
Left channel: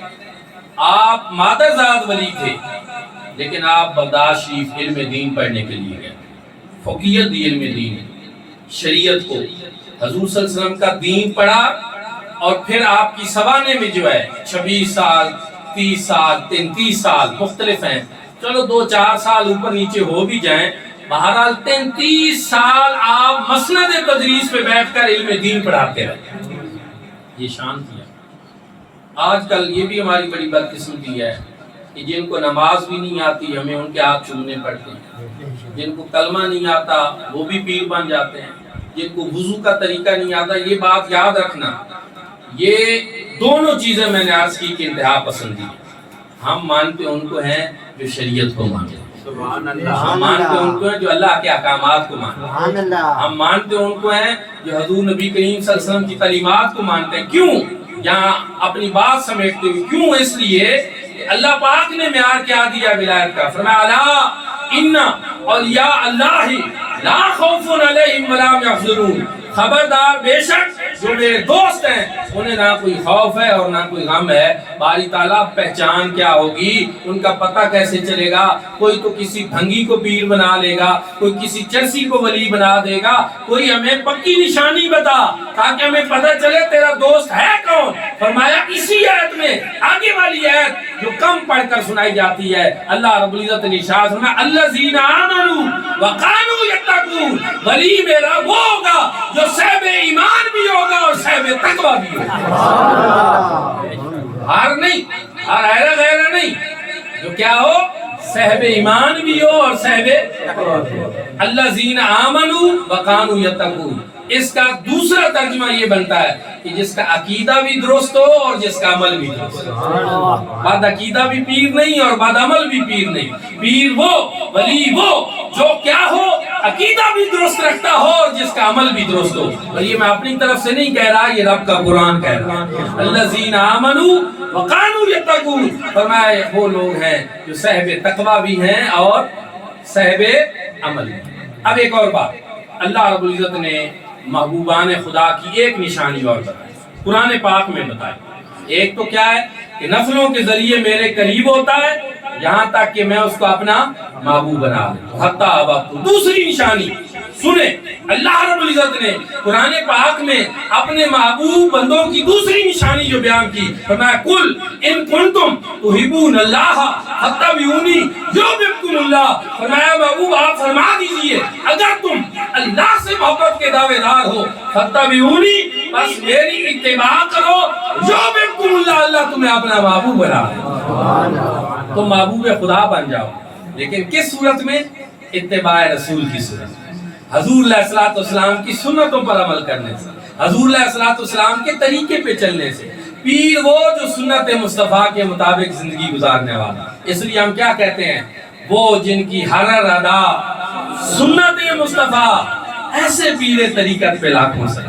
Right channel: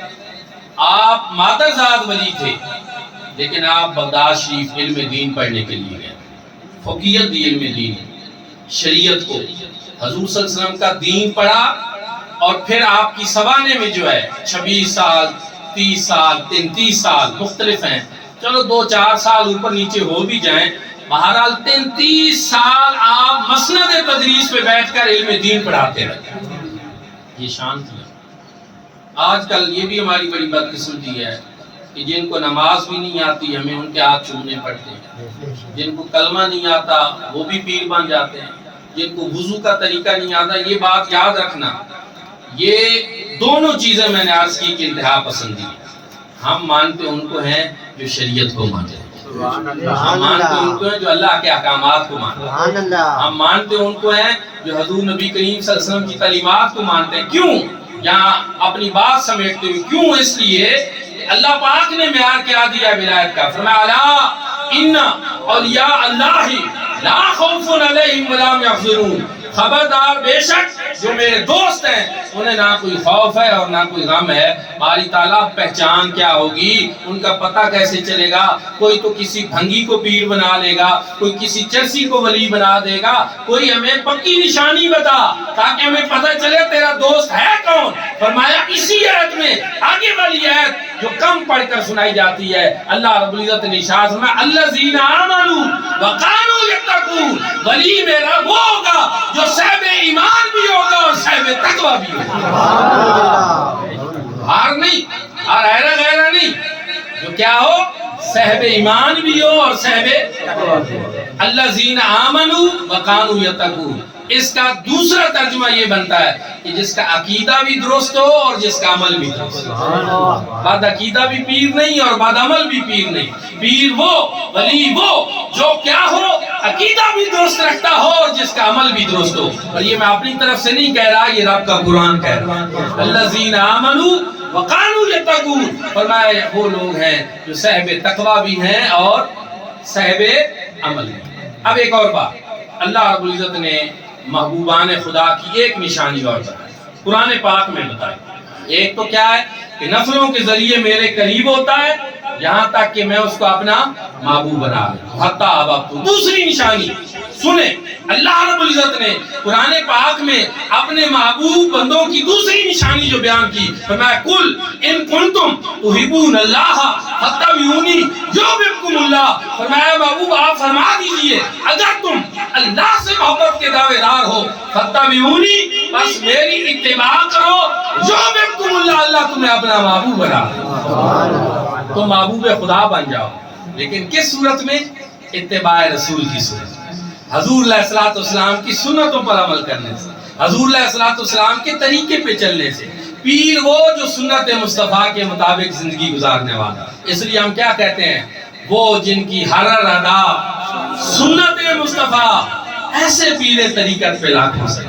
آپ مادرزاد ولی تھے لیکن آپ بغداد شریف علم دین پڑھنے کے لیے گئے، فقیہت دی علم دین، شریعت کو، حضور صلی اللہ علیہ وسلم کا دین پڑھا، اور پھر آپ کی سوانے میں جو ہے 26 سال 30 سال 33 سال مختلف ہیں، چلو 2-4 سال اوپر نیچے ہو بھی جائیں، بہرحال 33 سال آپ مسند تدریس پہ بیٹھ کر علم دین پڑھاتے رہے، یہ شان تھی۔ آج کل یہ بھی ہماری بڑی بدقسمتی ہے کہ جن کو نماز بھی نہیں آتی ہمیں ان کے ہاتھ چومنے پڑتے ہیں، جن کو کلمہ نہیں آتا وہ بھی پیر بن جاتے ہیں، جن کو وضو کا طریقہ نہیں آتا۔ یہ بات یاد رکھنا، یہ دونوں چیزیں میں نے عرض کی کہ انتہا پسندی ہے۔ ہم مانتے ان کو ہیں جو شریعت کو مانتے ہیں، ہم مانتے ان کو ہیں جو اللہ کے احکامات کو مانتے ہیں، ہم مانتے ان کو ہیں جو حضور نبی کریم صلی اللہ علیہ وسلم کی تعلیمات کو مانتے ہیں۔ کیوں؟ یہاں اپنی بات سمیٹتے ہوئے، کیوں؟ اس لیے کہ اللہ پاک نے معیار کیا دیا ولایت کا، فرمایا الا ان اولیاء اللہ لا خوف علیہم ولا هم یحزنون، خبردار بے شک جو میرے دوست ہیں انہیں نہ کوئی خوف ہے اور نہ کوئی غم ہے۔ باری تعالیٰ پہچان کیا ہوگی، ان کا پتہ کیسے چلے گا؟ کوئی تو کسی بھنگی کو پیر بنا لے گا، کوئی کسی چرسی کو ولی بنا دے گا، کوئی ہمیں پکی نشانی بتا تاکہ ہمیں پتہ چلے تیرا دوست ہے کون۔ فرمایا اسی آیت میں آگے والی آیت جو کم پڑھ کر سنائی جاتی ہے، اللہ رب العزت نے ارشاد فرمایا الذین آمنوا وکانوا یتقون، ولی میرا وہ ہوگا جو صاحب ایمان بھی ہوگا اور صاحب تقوی بھی ہوگا۔ ہار نہیں، ہار ایرا غیرہ نہیں، جو کیا ہو صاحب ایمان بھی ہو اور صاحب تقوی بھی ہو۔ الذین آمنوا وکانوا یتقون، اس کا دوسرا ترجمہ یہ بنتا ہے کہ جس کا عقیدہ بھی درست ہو اور جس کا عمل بھی درست ہو۔ بعد عقیدہ بھی پیر نہیں اور بعد عمل بھی پیر نہیں، پیر وہ، ولی وہ جو کیا ہو عقیدہ بھی درست رکھتا ہو اور جس کا عمل بھی درست ہو۔ اور یہ میں اپنی طرف سے نہیں کہہ رہا، یہ رب کا قرآن کہہ رہا ہے۔ الذین آمنوا وکانوا یتقون، فرمایا وہ لوگ ہیں جو صاحب تقوی بھی ہیں اور صاحب عمل بھی۔ اب ایک اور بات، اللہ رب العزت نے محبوبان خدا کی ایک نشانی اور بتائی، قرآن پاک میں بتائی۔ ایک تو کیا ہے کہ نفلوں کے ذریعے میرے قریب ہوتا ہے یہاں تک کہ میں اس کو اپنا محبوب بنا لوں، حتی احببتہ۔ دوسری نشانی سنیں، اللہ رب العزت نے قرآن پاک میں اپنے محبوب بندوں کی دوسری نشانی جو بیان کی، فرمایا قل ان کنتم تحبون اللہ فاتبعونی یحببکم اللہ۔ فرمایا محبوب آپ فرما دیجئے اگر تم اللہ سے محبت کے دعوے دار ہو فاتبعونی، بس میری اتباع کرو، یحببکم اللہ، اللہ تمہیں اپنا محبوب بنا دے، تو محبوب خدا بن جاؤ۔ لیکن کس صورت میں؟ اتباع رسول کی صورت، حضور علیہ السلام کی سنتوں پر عمل کرنے سے، حضور علیہ السلام کے طریقے پہ چلنے سے۔ پیر وہ جو سنت مصطفیٰ کے مطابق زندگی گزارنے والا، اس لیے ہم کیا کہتے ہیں؟ وہ جن کی ہر ادا سنت مصطفیٰ، ایسے پیر طریقت پہ لاکھوں سے۔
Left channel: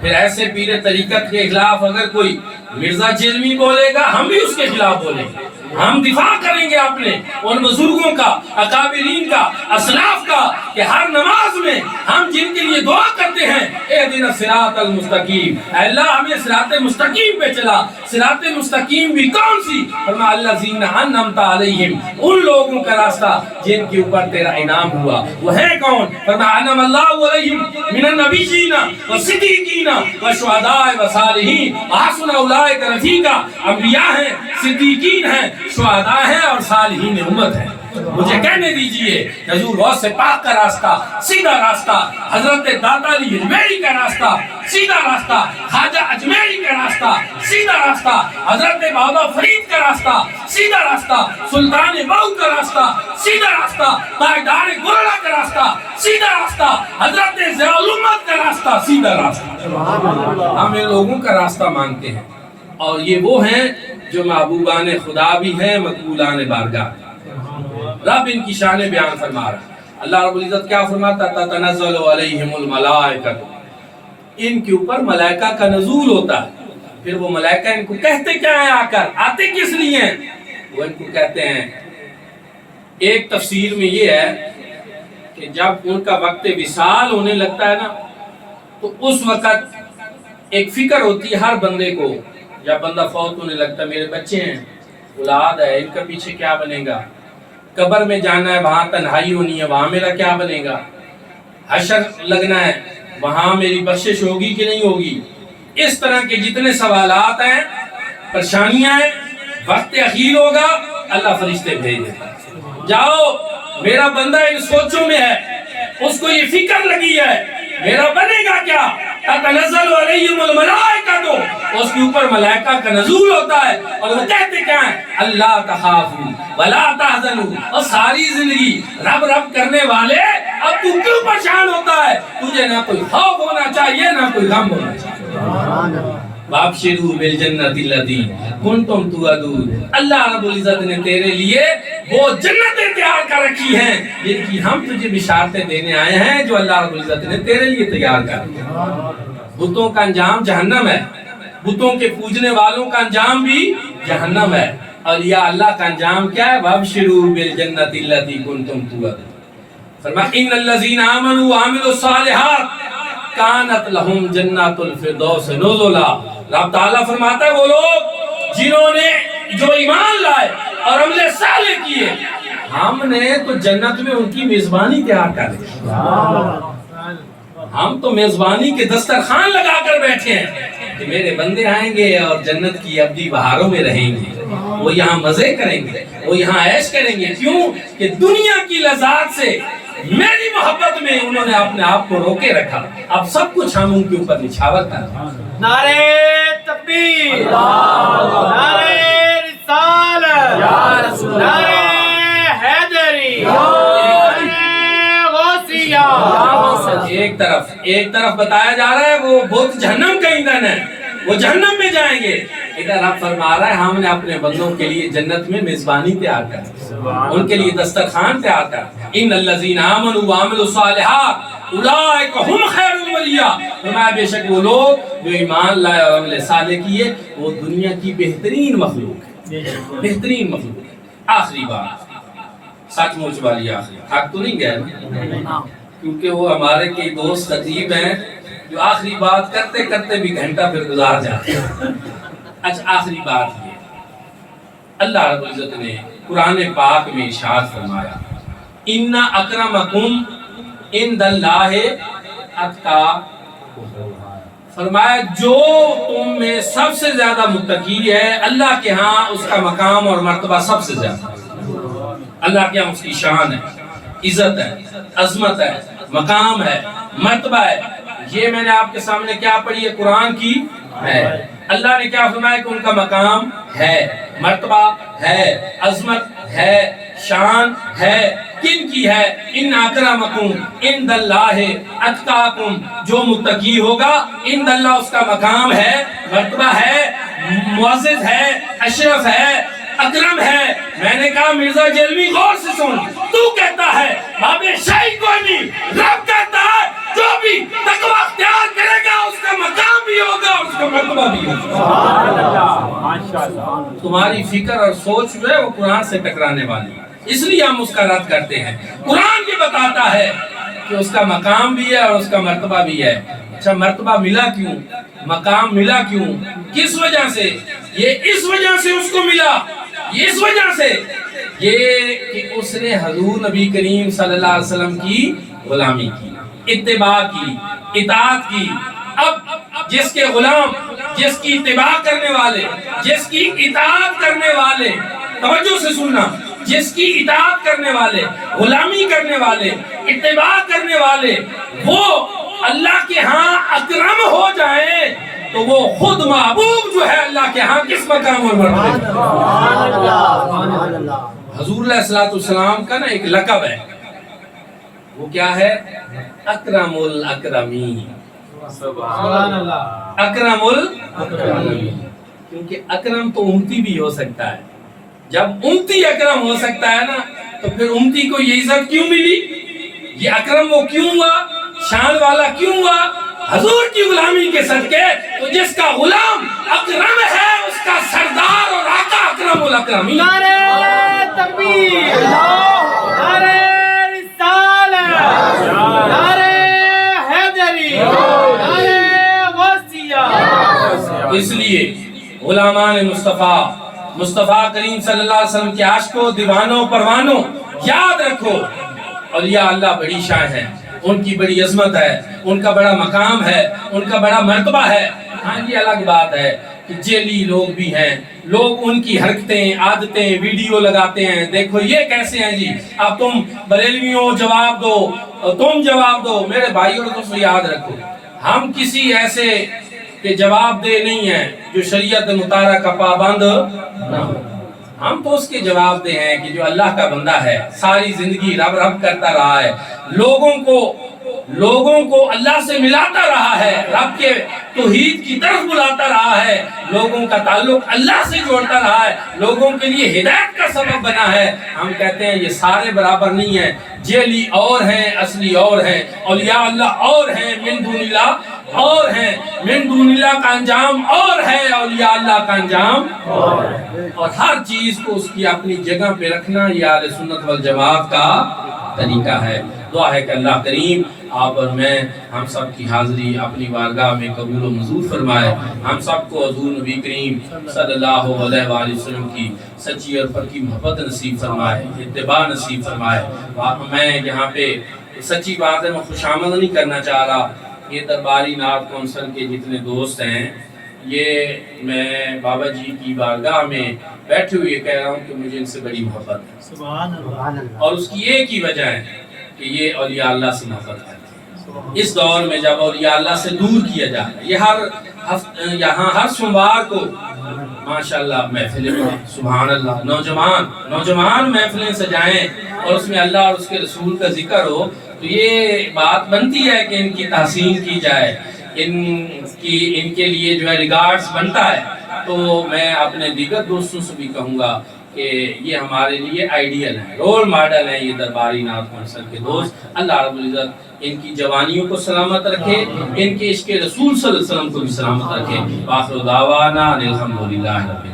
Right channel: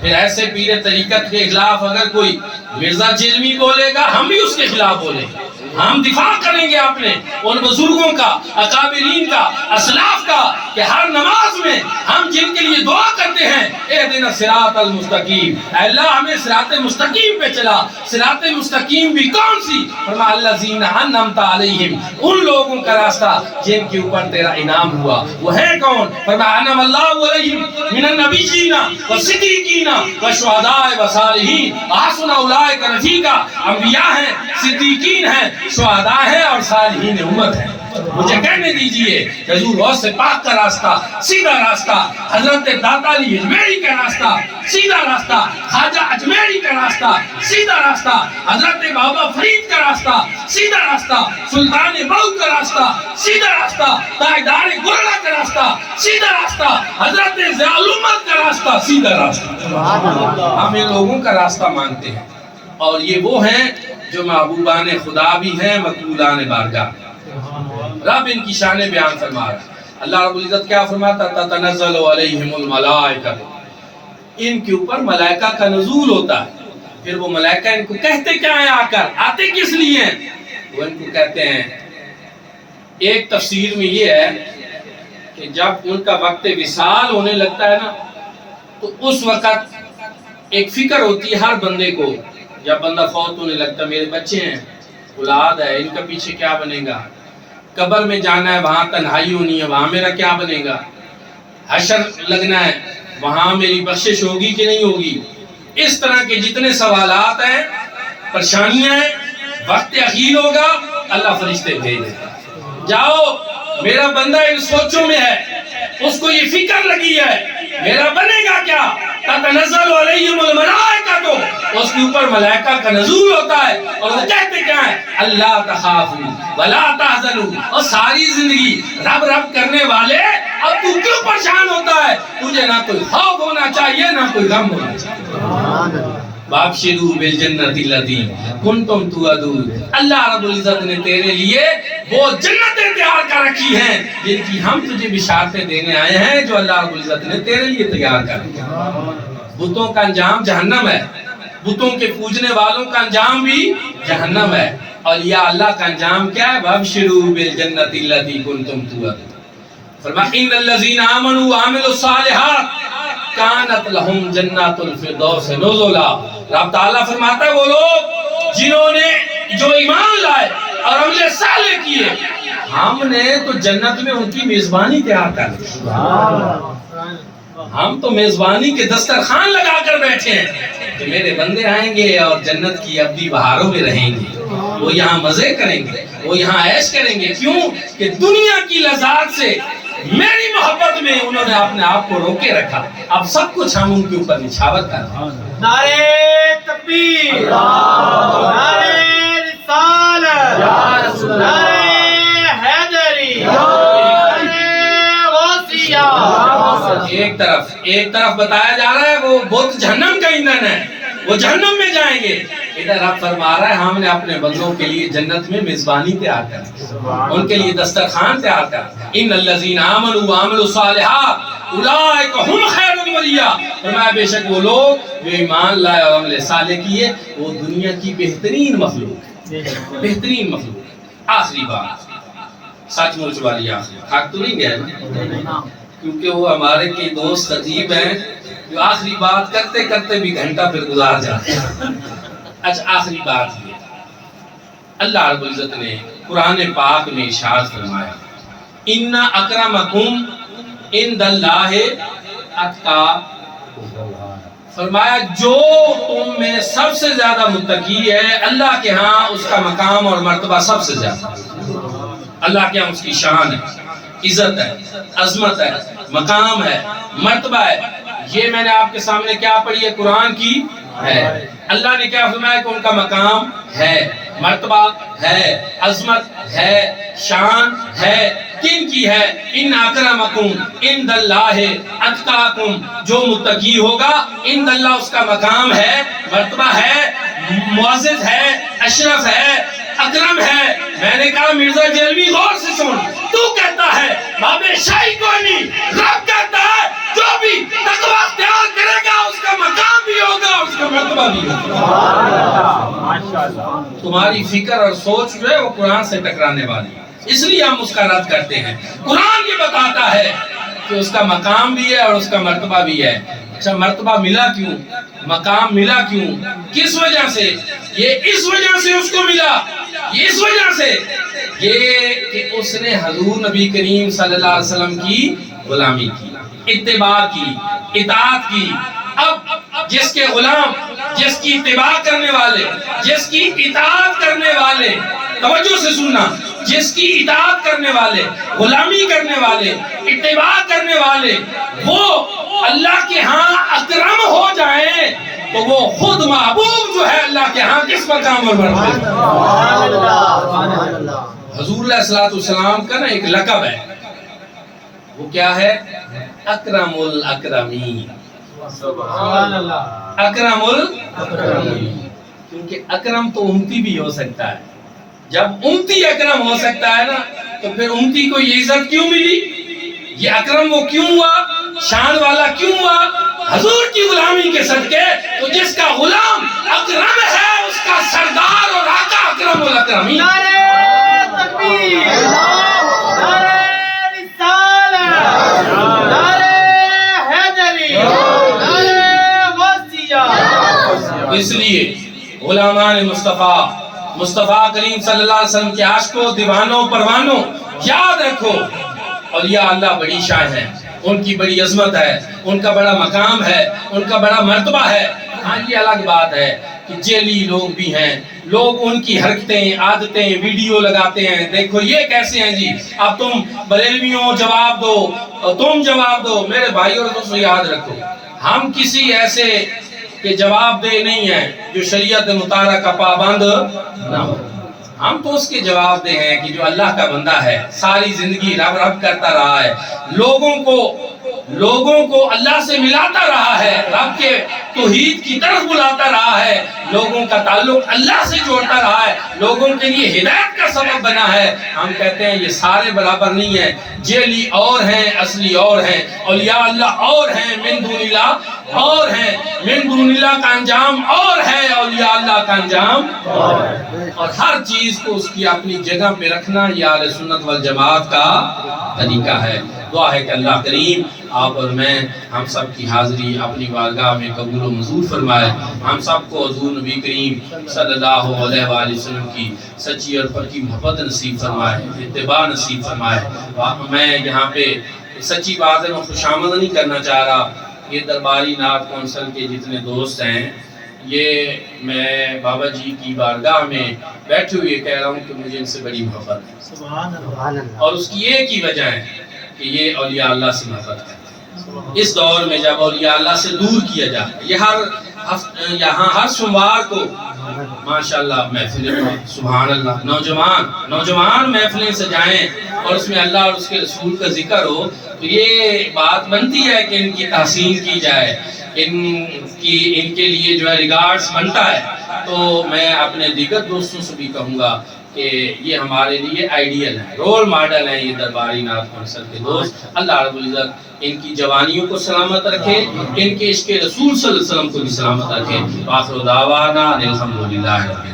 پھر ایسے پیر طریقت کے خلاف اگر کوئی مرزا جیلوی بولے گا، ہم بھی اس کے خلاف بولیں گے، ہم دفاع کریں گے اپنے ان بزرگوں کا، اکابرین کا، اسلاف کا، کہ ہر نماز میں ہم جن کے لیے دعا کرتے ہیں اہدنا الصراط المستقیم، اے اللہ ہمیں صراط مستقیم پہ چلا۔ صراط مستقیم بھی کون سی؟ فرمایا الذین انعمت علیہم، ان لوگوں کا راستہ جن کے اوپر تیرا انعام ہوا، وہ ہے کون؟ فرمایا انعم اللہ علیہم من النبیین والصدیقین والشہداء والصالحین وحسن اولئک رفیقا۔ انبیاء ہیں، صدیقین ہیں، شہداء ہیں اور صالحین امت ہیں۔ مجھے کہنے دیجئے حضور غوث پاک کا راستہ سیدھا راستہ، حضرت داتا علی اجمیری کا راستہ سیدھا راستہ، خواجہ اجمیری کا راستہ سیدھا راستہ، حضرت بابا فرید کا راستہ سیدھا راستہ، سلطان بہو کا راستہ سیدھا راستہ، تاجدار گولڑا کا راستہ سیدھا راستہ، حضرت ضیاء الامت کا راستہ سیدھا راستہ۔ ہم ان لوگوں کا راستہ مانتے ہیں، اور یہ وہ ہیں جو محبوبان خدا بھی ہیں، مقبولان بارگاہ۔ رب ان کی شان بیان فرما رہا ہے۔ اللہ رب العزت کیا فرماتا؟ تتنزل علیہم الملائکہ، ان کے اوپر ملائکہ کا نزول ہوتا ہے۔ پھر وہ ملائکہ ان کو کہتے کیا ہیں؟ آ کر آتے کس لیے ہیں؟ وہ ان کو کہتے ہیں، ایک تفسیر میں یہ ہے کہ جب ان کا وقت وصال ہونے لگتا ہے نا، تو اس وقت ایک فکر ہوتی ہے ہر بندے کو، جب بندہ فوت ہونے لگتا ہے، میرے بچے ہیں، اولاد ہے، ان کا پیچھے کیا بنے گا؟ قبر میں جانا ہے، وہاں تنہائی ہونی ہے، وہاں میرا کیا بنے گا؟ حشر لگنا ہے، وہاں میری بخشش ہوگی کہ نہیں ہوگی؟ اس طرح کے جتنے سوالات ہیں، پریشانیاں ہیں، وقت اخیر ہوگا، اللہ فرشتے بھیج دیتا ہے، جاؤ میرا بندہ ان سوچوں میں ہے، اس کو یہ فکر لگی ہے میرا بنے گا کیا؟ تتنزل علیہم الملائکہ، تو اس کے اوپر ملائکہ کا نزول ہوتا ہے، اور وہ کہتے کیا ہیں؟ اللہ تخافوا ولا تحزنوا، اور ساری زندگی رب رب کرنے والے اب تو کیوں پریشان ہوتا ہے؟ تجھے نہ کوئی خوف ہونا چاہیے نہ کوئی غم ہونا چاہیے۔ وابشروا بالجنۃ التی کنتم توعدون، اللہ رب العزت نے تیرے لیے وہ جنتیں تیار کر رکھی ہیں جن کی ہم تجھے بشارتیں دینے آئے ہیں، جو اللہ رب العزت نے تیرے لیے تیار کر رکھی ہیں۔ بتوں کا انجام جہنم ہے، بتوں کے پوجنے والوں کا انجام بھی جہنم ہے، اور یا اللہ کا انجام کیا ہے؟ وابشروا بالجنۃ التی کنتم توعدون۔ فرمایا ان الذین آمنوا وعملوا الصالحات کانت لہم جنات الفردوس نزلا۔ رب تعالیٰ فرماتا ہے وہ لوگ جنہوں نے جو ایمان لائے اور عمل صالح کیے، ہم نے تو جنت میں ان کی میزبانی تیار کر دی۔ ہم تو میزبانی کے دسترخوان لگا کر بیٹھے ہیں کہ میرے بندے آئیں گے اور جنت کی ابدی بہاروں میں رہیں گے، وہ یہاں مزے کریں گے، وہ یہاں عیش کریں گے۔ کیوں کہ دنیا کی لذات سے میری محبت میں انہوں نے اپنے آپ کو روکے رکھا، اب سب کچھ ہم ان کے اوپر نچھاور کر رہے ہیں۔ نعرے تکبیر، نعرے رسالت، نعرے حیدری، نعرے غوثیہ۔ ایک طرف بتایا جا رہا ہے وہ بت جہنم کا ایندھن ہے، وہ جہنم میں جائیں گے، ادھر رب فرما رہا ہے ہم نے اپنے بندوں کے لیے جنت میں میزبانی تیار کر، ان کے لیے دسترخوان تیار کر۔ ان الذین آمنوا وعملوا الصالحات اولئک هم خیر البریہ، فرمایا بے شک وہ لوگ جو ایمان لائے اور عمل صالح کیے وہ دنیا کی بہترین مخلوق ہے، بہترین مخلوق ہے۔ آخری بات، سچ مچ والی آخری، تھک تو نہیں گیا نا؟ کیونکہ وہ ہمارے کئی دوست عجیب ہیں جو آخری بات کرتے کرتے بھی گھنٹہ پھر گزار جاتے ہیں۔ اچھا آخری بات یہ، اللہ رب العزت نے قرآن پاک میں ارشاد فرمایا ان اکرمکم عند اللہ اتقاکم، فرمایا جو تم میں سب سے زیادہ متقی ہے اللہ کے ہاں اس کا مقام اور مرتبہ سب سے زیادہ، اللہ کے ہاں اس کی شان ہے، عزت ہے، عظمت ہے، مقام ہے، مرتبہ ہے. یہ میں نے آپ کے سامنے کیا پڑھی ہے؟ قرآن کی ہے. اللہ نے کیا فرمایا کہ ان کا مقام ہے، مرتبہ ہے، عظمت ہے، شان ہے. کن کی ہے؟ ان اکرمکم عند اللہ اتقاکم، جو متقی ہوگا عند اللہ اس کا مقام ہے، مرتبہ ہے، معزز ہے، اشرف ہے، اکرم ہے. میں نے کہا مرزا جیلوی غور سے سن، تو کہتا ہے بابے شاہی کوئی نہیں، رب کہتا ہے جو بھی تقوی اختیار کرے گا اس کا مقام بھی ہوگا، اس کا مرتبہ بھی ہوگا. تمہاری فکر اور سوچ جو ہے وہ قرآن سے ٹکرانے والی ہے، اس لیے ہم اس کا رد کرتے ہیں. قرآن یہ بتاتا ہے کہ اس کا مقام بھی ہے اور اس کا مرتبہ بھی ہے. اچھا مرتبہ ملا کیوں؟ مقام ملا کیوں؟ کس وجہ سے؟ یہ اس وجہ سے اس کو ملا، یہ اس وجہ سے یہ کہ اس نے حضور نبی کریم صلی اللہ علیہ وسلم کی غلامی کی، اتباع کی، اطاعت کی. اب جس کے غلام، جس کی اتباع کرنے والے، جس کی اطاعت کرنے والے، توجہ سے سننا، جس کی اطاعت کرنے والے، غلامی کرنے والے، اتباع کرنے والے وہ اللہ کے ہاں اکرم ہو جائیں تو وہ خود محبوب جو ہے اللہ کے ہاں کس مقام پر مرتبہ. حضور علیہ السلام کا نا ایک لقب ہے، وہ کیا ہے؟ اکرم الاکرمین. سبحان اللہ. اکرم الاکرمین، کیونکہ اکرم تو امتی بھی ہو سکتا ہے. جب امتی اکرم ہو سکتا ہے نا تو پھر امتی کو یہ عزت کیوں ملی؟ یہ اکرم وہ کیوں ہوا؟ شان والا کیوں ہوا؟ حضور کی غلامی کے صدقے. تو جس کا غلام اکرم ہے اس کا سردار اور آقا اکرم الاکرمین. نعرہ تکبیر، نعرہ رسالت، نعرہ حیدری، نعرہ غوثیہ. اس لیے غلامان مصطفیٰ، مصطفیٰ کریم صلی اللہ علیہ وسلم کے عاشقوں، دیوانوں، پروانوں، یاد رکھو اولیاء اللہ بڑی شان ہے، ان کی بڑی عظمت ہے، ان کا بڑا مقام ہے، ان کا بڑا مرتبہ ہے. ہاں یہ الگ بات ہے کہ جیلی لوگ بھی ہیں، لوگ ان کی حرکتیں، عادتیں، ویڈیو لگاتے ہیں، دیکھو یہ کیسے ہیں جی، اب تم بریلویوں جواب دو، تم جواب دو. میرے بھائی اور دوستو یاد رکھو، ہم کسی ایسے کہ جواب دے نہیں ہیں جو شریعت مطالعہ کا پابند نہ ہو. ہم تو اس کے جواب دے ہیں کہ جو اللہ کا بندہ ہے، ساری زندگی رب رب کرتا رہا ہے، لوگوں کو اللہ سے ملاتا رہا ہے، رب کے توحید کی طرف بلاتا رہا ہے، لوگوں کا تعلق اللہ سے جوڑتا رہا ہے، لوگوں کے لیے ہدایت کا سبب بنا ہے. ہم کہتے ہیں یہ سارے برابر نہیں ہیں، جیلی اور ہیں، اصلی اور ہیں، اولیاء اللہ اور ہیں، من دون اللہ اور ہیں، من دون اللہ کا انجام اور ہے، اولیاء اللہ کا انجام اور ہے. اور ہر چیز کو اس کی اپنی جگہ پہ رکھنا یہ اہل سنت والجماعت کا طریقہ ہے. دعا ہے کہ اللہ کریم آپ اور میں، ہم سب کی حاضری اپنی بارگاہ میں قبول و منظور فرمائے. ہم سب کو حضور نبی کریم صلی اللہ علیہ وآلہ وسلم کی سچی اور پکی محبت نصیب فرمائے، اتباع نصیب فرمائے. میں یہاں پہ سچی بات ہے، میں خوش آمد نہیں کرنا چاہ رہا. یہ درباری نعت کونسل کے جتنے دوست ہیں، یہ میں بابا جی کی بارگاہ میں بیٹھے ہوئے کہہ رہا ہوں کہ مجھے ان سے بڑی محبت ہے. سبحان اللہ. اور اس کی ایک ہی وجہ ہے کہ یہ اولیاء اللہ سے محبت کرتے ہیں. اس دور میں جب اولیاء اللہ سے دور کیا جائے، یہ یہاں ہر سوموار کو ماشاءاللہ محفلیں، سبحان اللہ، نوجوان محفلیں سجائیں اور اس میں اللہ اور اس کے رسول کا ذکر ہو، تو یہ بات بنتی ہے کہ ان کی تحسین کی جائے، ان کے لیے جو ہے ریگارڈز بنتا ہے. تو میں اپنے دیگر دوستوں سے بھی کہوں گا کہ یہ ہمارے لیے آئیڈیل ہیں، رول ماڈل ہیں یہ درباری نعت کونسل کے دوست. اللہ رب العزت ان کی جوانیوں کو سلامت رکھے، ان کے عشق رسول صلی اللہ علیہ وسلم کو بھی سلامت رکھے. وآخر دعوانا الحمدللہ رب العالمین.